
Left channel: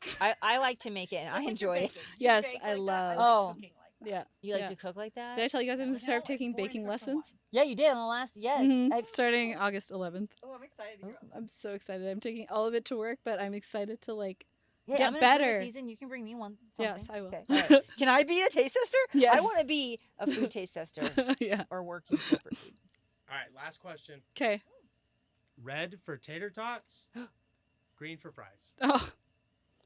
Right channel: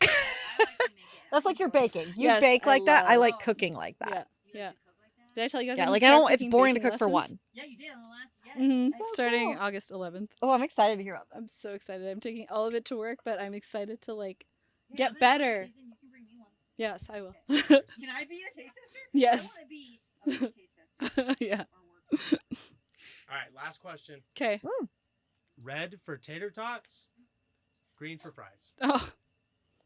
I like to make it. And That's I like your enjoy- baking. You Yes, bake I like that. I like love- cooking like that. Yeah. You like Yeah. to cook like that? Did I tell you guys? Yeah, I'm like gonna I start don't. It's taking boring to baking cook for lessons? one. Yeah, you did on the last. Yes. Mhm. Oh, Starting cool. August 11th. Oh, I'm excited to hear about that. I'm so excited. I'm taking all of it to work, but I'm excited to like. Hey, Get I'm gonna do a better. Season. You can bring me one. Yes, someday. I will. Okay, all right. Can I be a taste tester? Yes. I want to be a food taste tester Yeah. or working. for food. All right, last question. Okay. Red for tater tots, green for fries. Oh,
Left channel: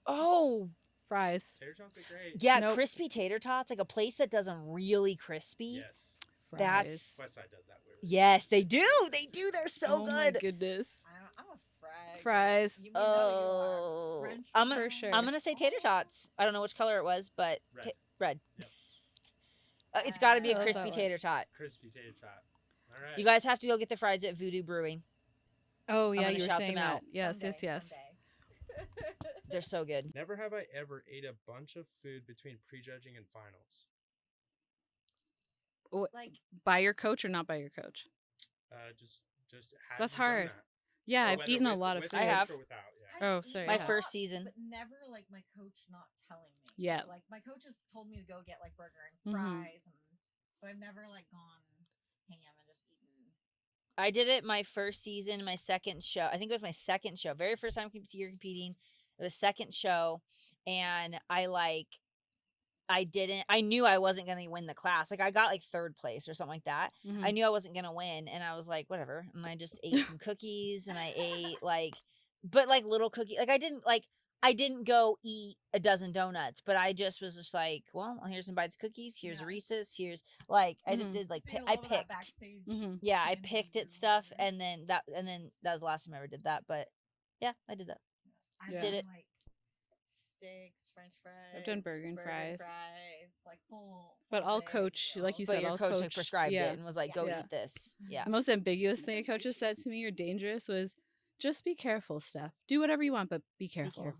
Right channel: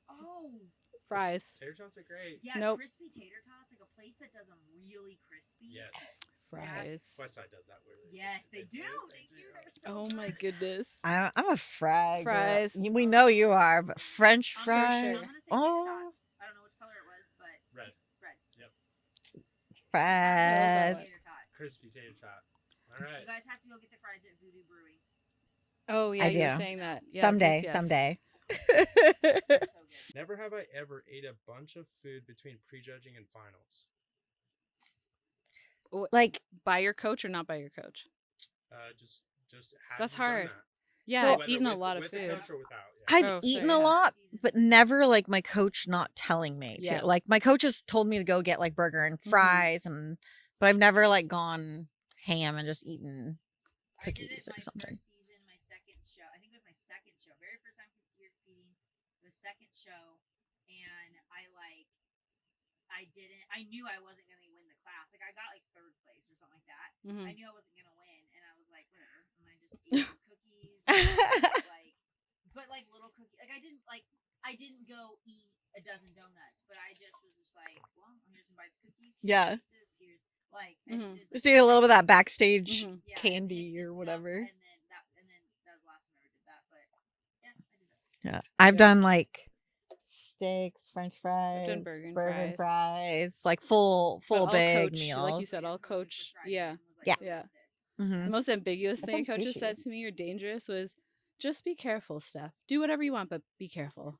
Oh, fries. Tater tots are great. yeah, Nope. crispy tater tots, like a place that does them really crispy. Yes. Fries. West Side does that weird. Yes, they do. They do. They're so oh good. my goodness. I'm a fry. girl. Fries. We know you are. But Oh. French I'm fries. gonna, sure. I'm gonna say tater Oh, tots. I don't know which color it was, but Red. red. Yep. It's gotta be a Fries. crispy tater tot. Crispy tater tot. All right. You guys have to go get the fries at Voodoo Brewing. Oh yeah, I you're do. saying Out. that. Yes, someday. yes, yes. Someday. They're so good. Never have I ever ate a bunch of food between prejudging and finals. Like By your coach or not by your coach? Just have That's you done hard. that? Yeah, So- I've Whether eaten a with- lot of with food. I coach have. or without. Yeah. I've Oh, eaten sorry. a My first lot, season. but never like my coach not telling me. Yeah. To. Like my coach has told me to go get like burger and Mhm. fries, but I've never like gone ham and just eaten. I did cookies it or my something. first season, my second show. I think it was my second show. Very first time you're competing. It was second show, and I knew I wasn't gonna win the class. Like I got like third place or something like that. Mhm. I knew I wasn't gonna win, and I was like, whatever. And I just ate some cookies, and I ate but like little cookie. Like I didn't go eat a dozen donuts, but I just was just like, well, here's some bites of cookies. Here's Yeah. Reese's. Here's I just Mhm. did like Just eat a little I bit of that picked- backstage. Mhm. Yeah, candy I picked or at stuff, whatever. and then that was the last time I ever did that. But yeah, I did that. Yeah, I've Yeah. done like steaks, French fries, burger and fries, like full But all big coach, meals. like you But said, your all coach like, coach. prescribed Yeah. it and was like, Yeah. go Yeah. eat this. Mhm. Yeah. The most ambiguous I've thing a done coach has sushi. said to me, "You're dangerous," was just be careful, Steph. Do whatever you want, but be Be careful.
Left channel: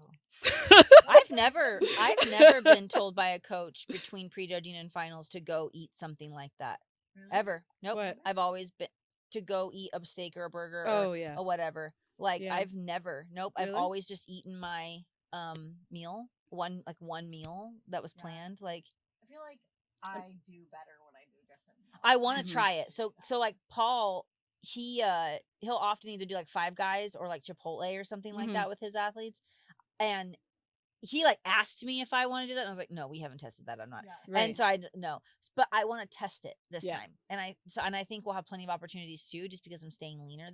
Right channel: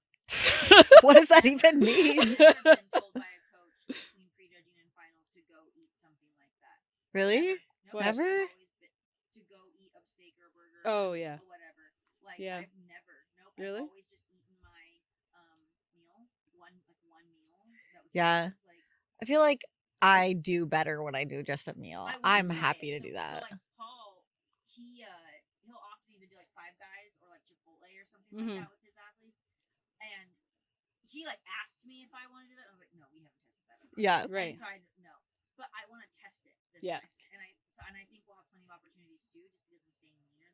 What does that Never, even mean? I've never been told by a coach between prejudging and finals to go eat something like that. Really? Ever. Nope. What? I've Never? always been. to go eat a steak or a burger Oh yeah. or whatever. Like Yeah. I've never, nope. I've Really? always just eaten my meal, one meal that was Yeah. planned. Like I feel like I do better when I do just a meal. I want I'm to try happy it. to do that. So like Paul, he'll often either do like Five Guys or like Chipotle or something like Mhm. that with his athletes. And he like asked me if I want to do that. And I was like, no, we haven't tested that. I'm not. yeah. Right. And so no, but I want to test it this Yeah. time. And I think we'll have plenty of opportunities too, just because I'm staying leaner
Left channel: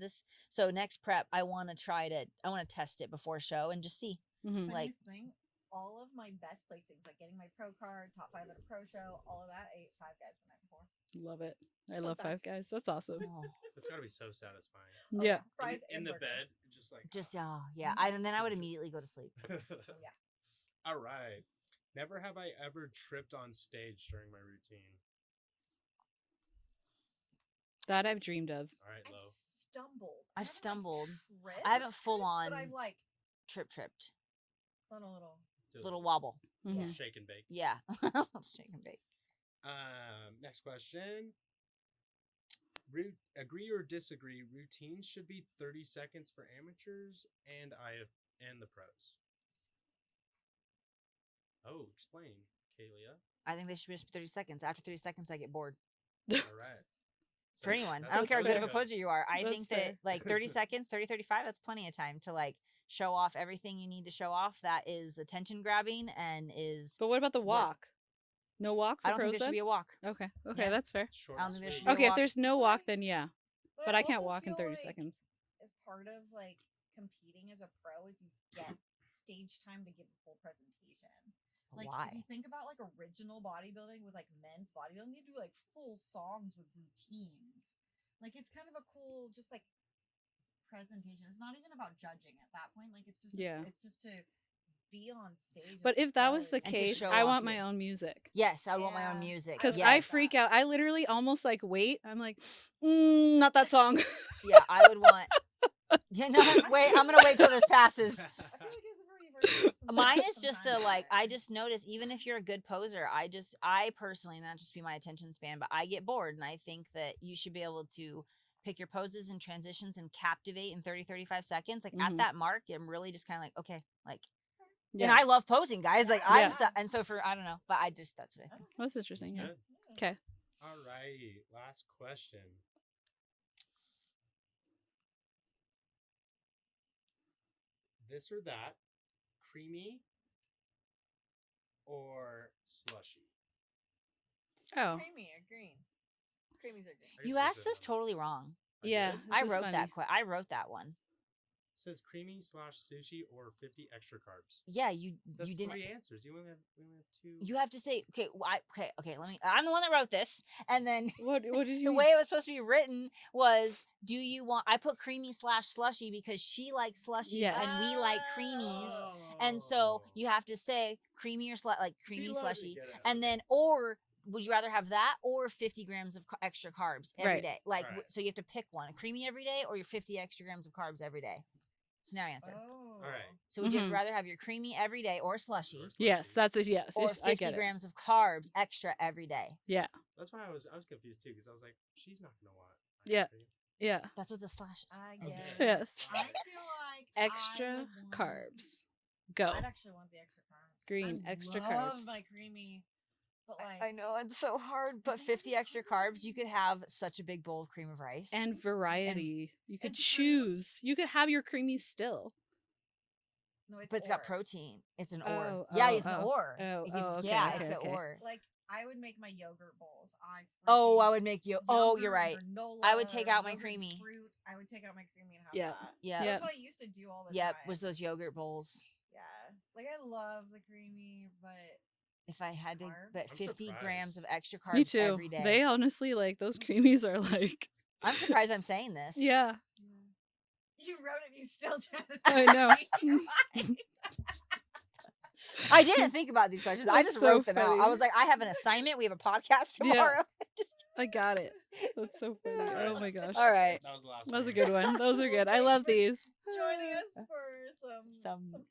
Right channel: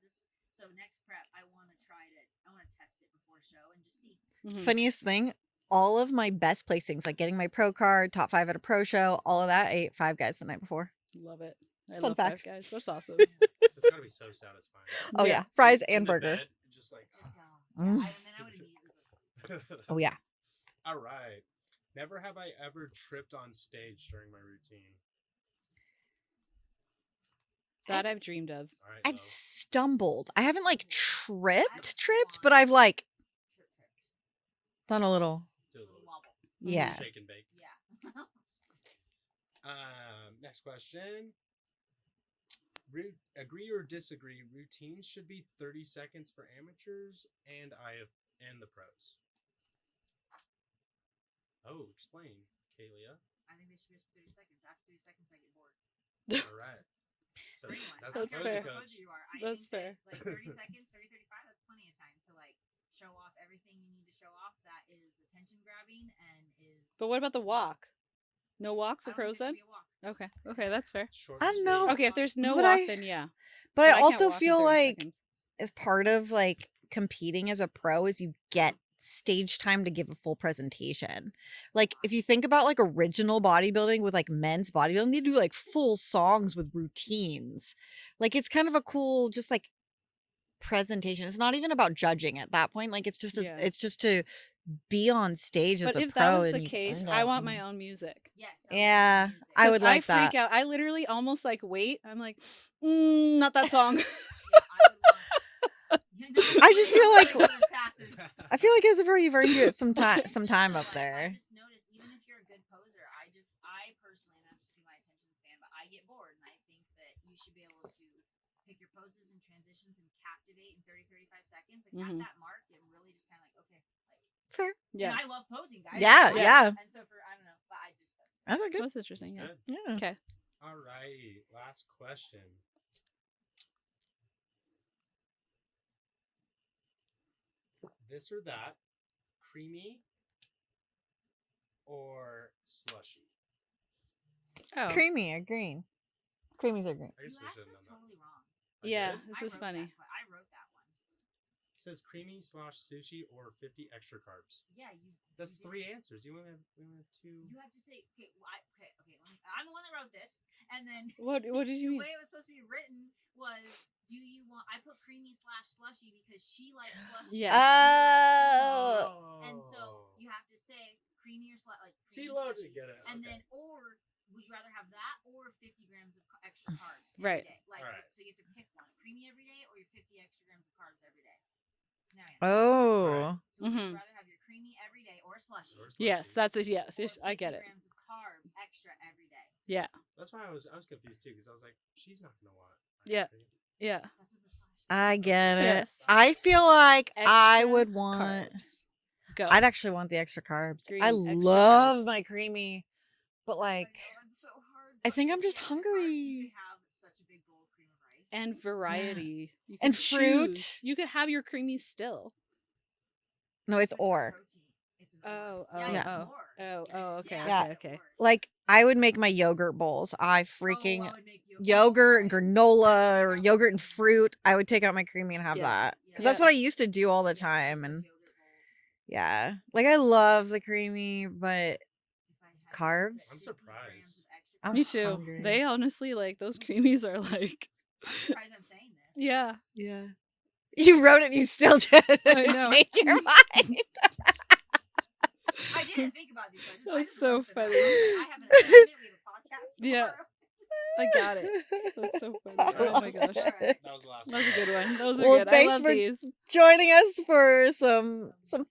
so next prep, I want to test it before show and just see. Mhm. Funniest thing, all of my best placings, like getting my pro card, top 5 at a pro show, all of that, I ate Five Guys the night before. Love it. I Fun love fact. Five Guys. That's awesome. It's gotta be so satisfying. Oh yeah, fries and the burger. bed, just like Just yeah. Mm. And then I would immediately go to sleep. Oh yeah. All right. Never have I ever tripped on stage during my routine. That I've dreamed of. All right, I've Lo. stumbled. I haven't like Stumbled. tripped, I haven't but full-on I've like tripped. done a little. Do a Little wobble. Yeah. shake and bake. Yeah. Shake and bake. Next question. Agree or disagree? Routines should be 30 seconds for amateurs and the pros. Oh, explain, Kaylia. I think they should be just 30 seconds. After 30 seconds, I get bored. All right. For anyone. That's I don't care fair. what type of poser you are. I That's think fair. that like 30 seconds, 30, 35, that's plenty of time to like show off everything you need to show off. That is attention grabbing and is. But what about the walk? No walk I for don't think pros there should then? be a walk. Okay. Okay, Yeah. that's fair. Short I think know. there should be a Okay, if walk. there's no But walk, I- then yeah. But But I I can't also walk in feel 30 like seconds. as part of like competing as a pro is you get stage time to give a full presentation. Like if Why? you think about like original bodybuilding with like men's bodybuilding, they do like full songs with routines. Like it's kind of a cool just like presentation. It's not even about judging at that point. Like it's just Yeah. it's just to be on stage But as a if pro that was and the you just case, show I off. want my own music. Yes, I want my Yeah, own music. I Because would I like freak that. out. I literally almost like wait. I'm like, not that song. Yeah, I would want. Yeah, no, I just I'm feel gonna like- wait till this passes. I feel like as a pro you've earned it some Mine time is some just time the, up like, there. I just notice even if you're a good poser, I personally, not just be my attention span, but I get bored, and I think that you should be able to pick your poses and transitions and captivate in 30, 35 seconds. Like at Mhm. that mark, I'm really just kind of like, okay, like, Fair. Yeah, and I love posing, guys. Yeah, like, yeah. And so I don't know, but that's what I That's think. a good. that's interesting. Yeah. Good. Yeah. Okay. All right. Last question. This or that, creamy or slushy? Oh, Creamy or green? Creamies are green. I guess You we asked should've this done that. totally wrong. I yeah. did? This I is wrote funny. I wrote that one. It says creamy / sushi or 50 extra carbs. Yeah, you That's didn't. 3 answers. We only have 2. You have to say okay. Okay. Let me. I'm the one that wrote this, and then What did the you? way it was supposed to be written was, "Do you want?" I put creamy / slushy because she likes slushy Yes. and we like Oh. creamies, and so you have to say creamy or like creamy See, Lo, slushy, get it. and Okay. then or. Would you rather have that or 50 grams of extra carbs every day? Right. Like, Right. so you have to pick one: creamy every day or your 50 extra grams of carbs every day. So now you answer. Oh. Alright. So would you Mhm. rather have your creamy every day or slushy, Or Yes, slushy. that's a yes. or 50 I get it. grams of carbs extra every day? Yeah. That's why I was confused too, because I was like, she's not gonna want. Yeah. cream. Yeah. That's what the slash is. I get it. Yes. I feel like I Extra would want carbs. Go. I'd actually want the extra carbs. Green, I extra love carbs. my creamy, but like I know it's so hard. I But think I'm 50 just extra carbs, you hungry. could have such a big bowl of cream of rice. And variety. You can And fruit. choose. You could have your creamies still. no, it's but it's got or. protein. It's an or. Oh, Yeah, oh, it's an oh. or. Oh, You could- oh, okay, Yeah, okay, it's an okay. or. Like I would make my yogurt bowls. I freaking Oh, I would make you yogurt, right. granola, take or out my yogurt and creamy. fruit. I would take out my creamy and have Yeah. that. Yeah. 'Cause that's Yeah. what I used to do all the Yeah, time. those And yogurt bowls. yeah, like I love the creamy, but If I had Carbs? to put I'm 50 grams surprised. of extra I'm carbs Me too. every day. They honestly like those creamies are like I'm surprised I'm saying this. yeah. yeah, you wrote it. And you still did. I know. Change your mind. I didn't think about these questions. I That's just so wrote them out. funny. I was like, I have an assignment. We have a podcast Yeah. tomorrow. I got it. That's so funny. Oh my gosh. All right. That was the last That was a one. good one. Those are Well, good. I thanks love for these. Joining us for some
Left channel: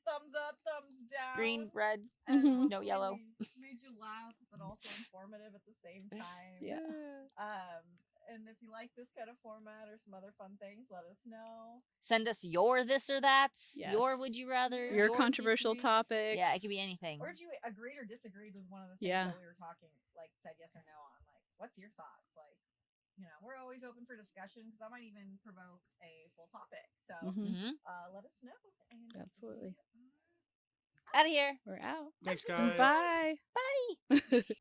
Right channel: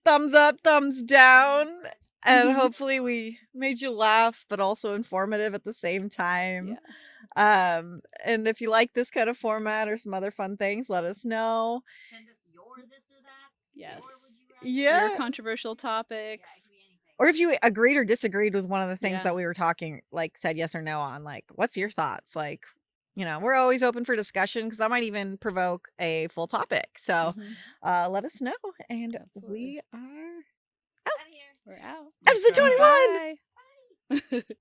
thumbs up, thumbs down, Green, red. and Mhm. hopefully yellow. we made you laugh, but also informative at the same time. Yeah. And if you like this kind of format or some other fun things, let us know. Send us your this or that's. Your Yes. would you rather. Yeah. Your your controversial disagree. topics. Yeah, it could be anything. Or if you agreed or disagreed with one of the things Yeah. that we were talking, like said yes or no on, like, what's your thoughts? Like, we're always open for discussion because that might even provoke a full topic. So Mhm. let us know. And Absolutely. we are Out of here. We're out. Thanks, episode guys. 21. Bye. Bye.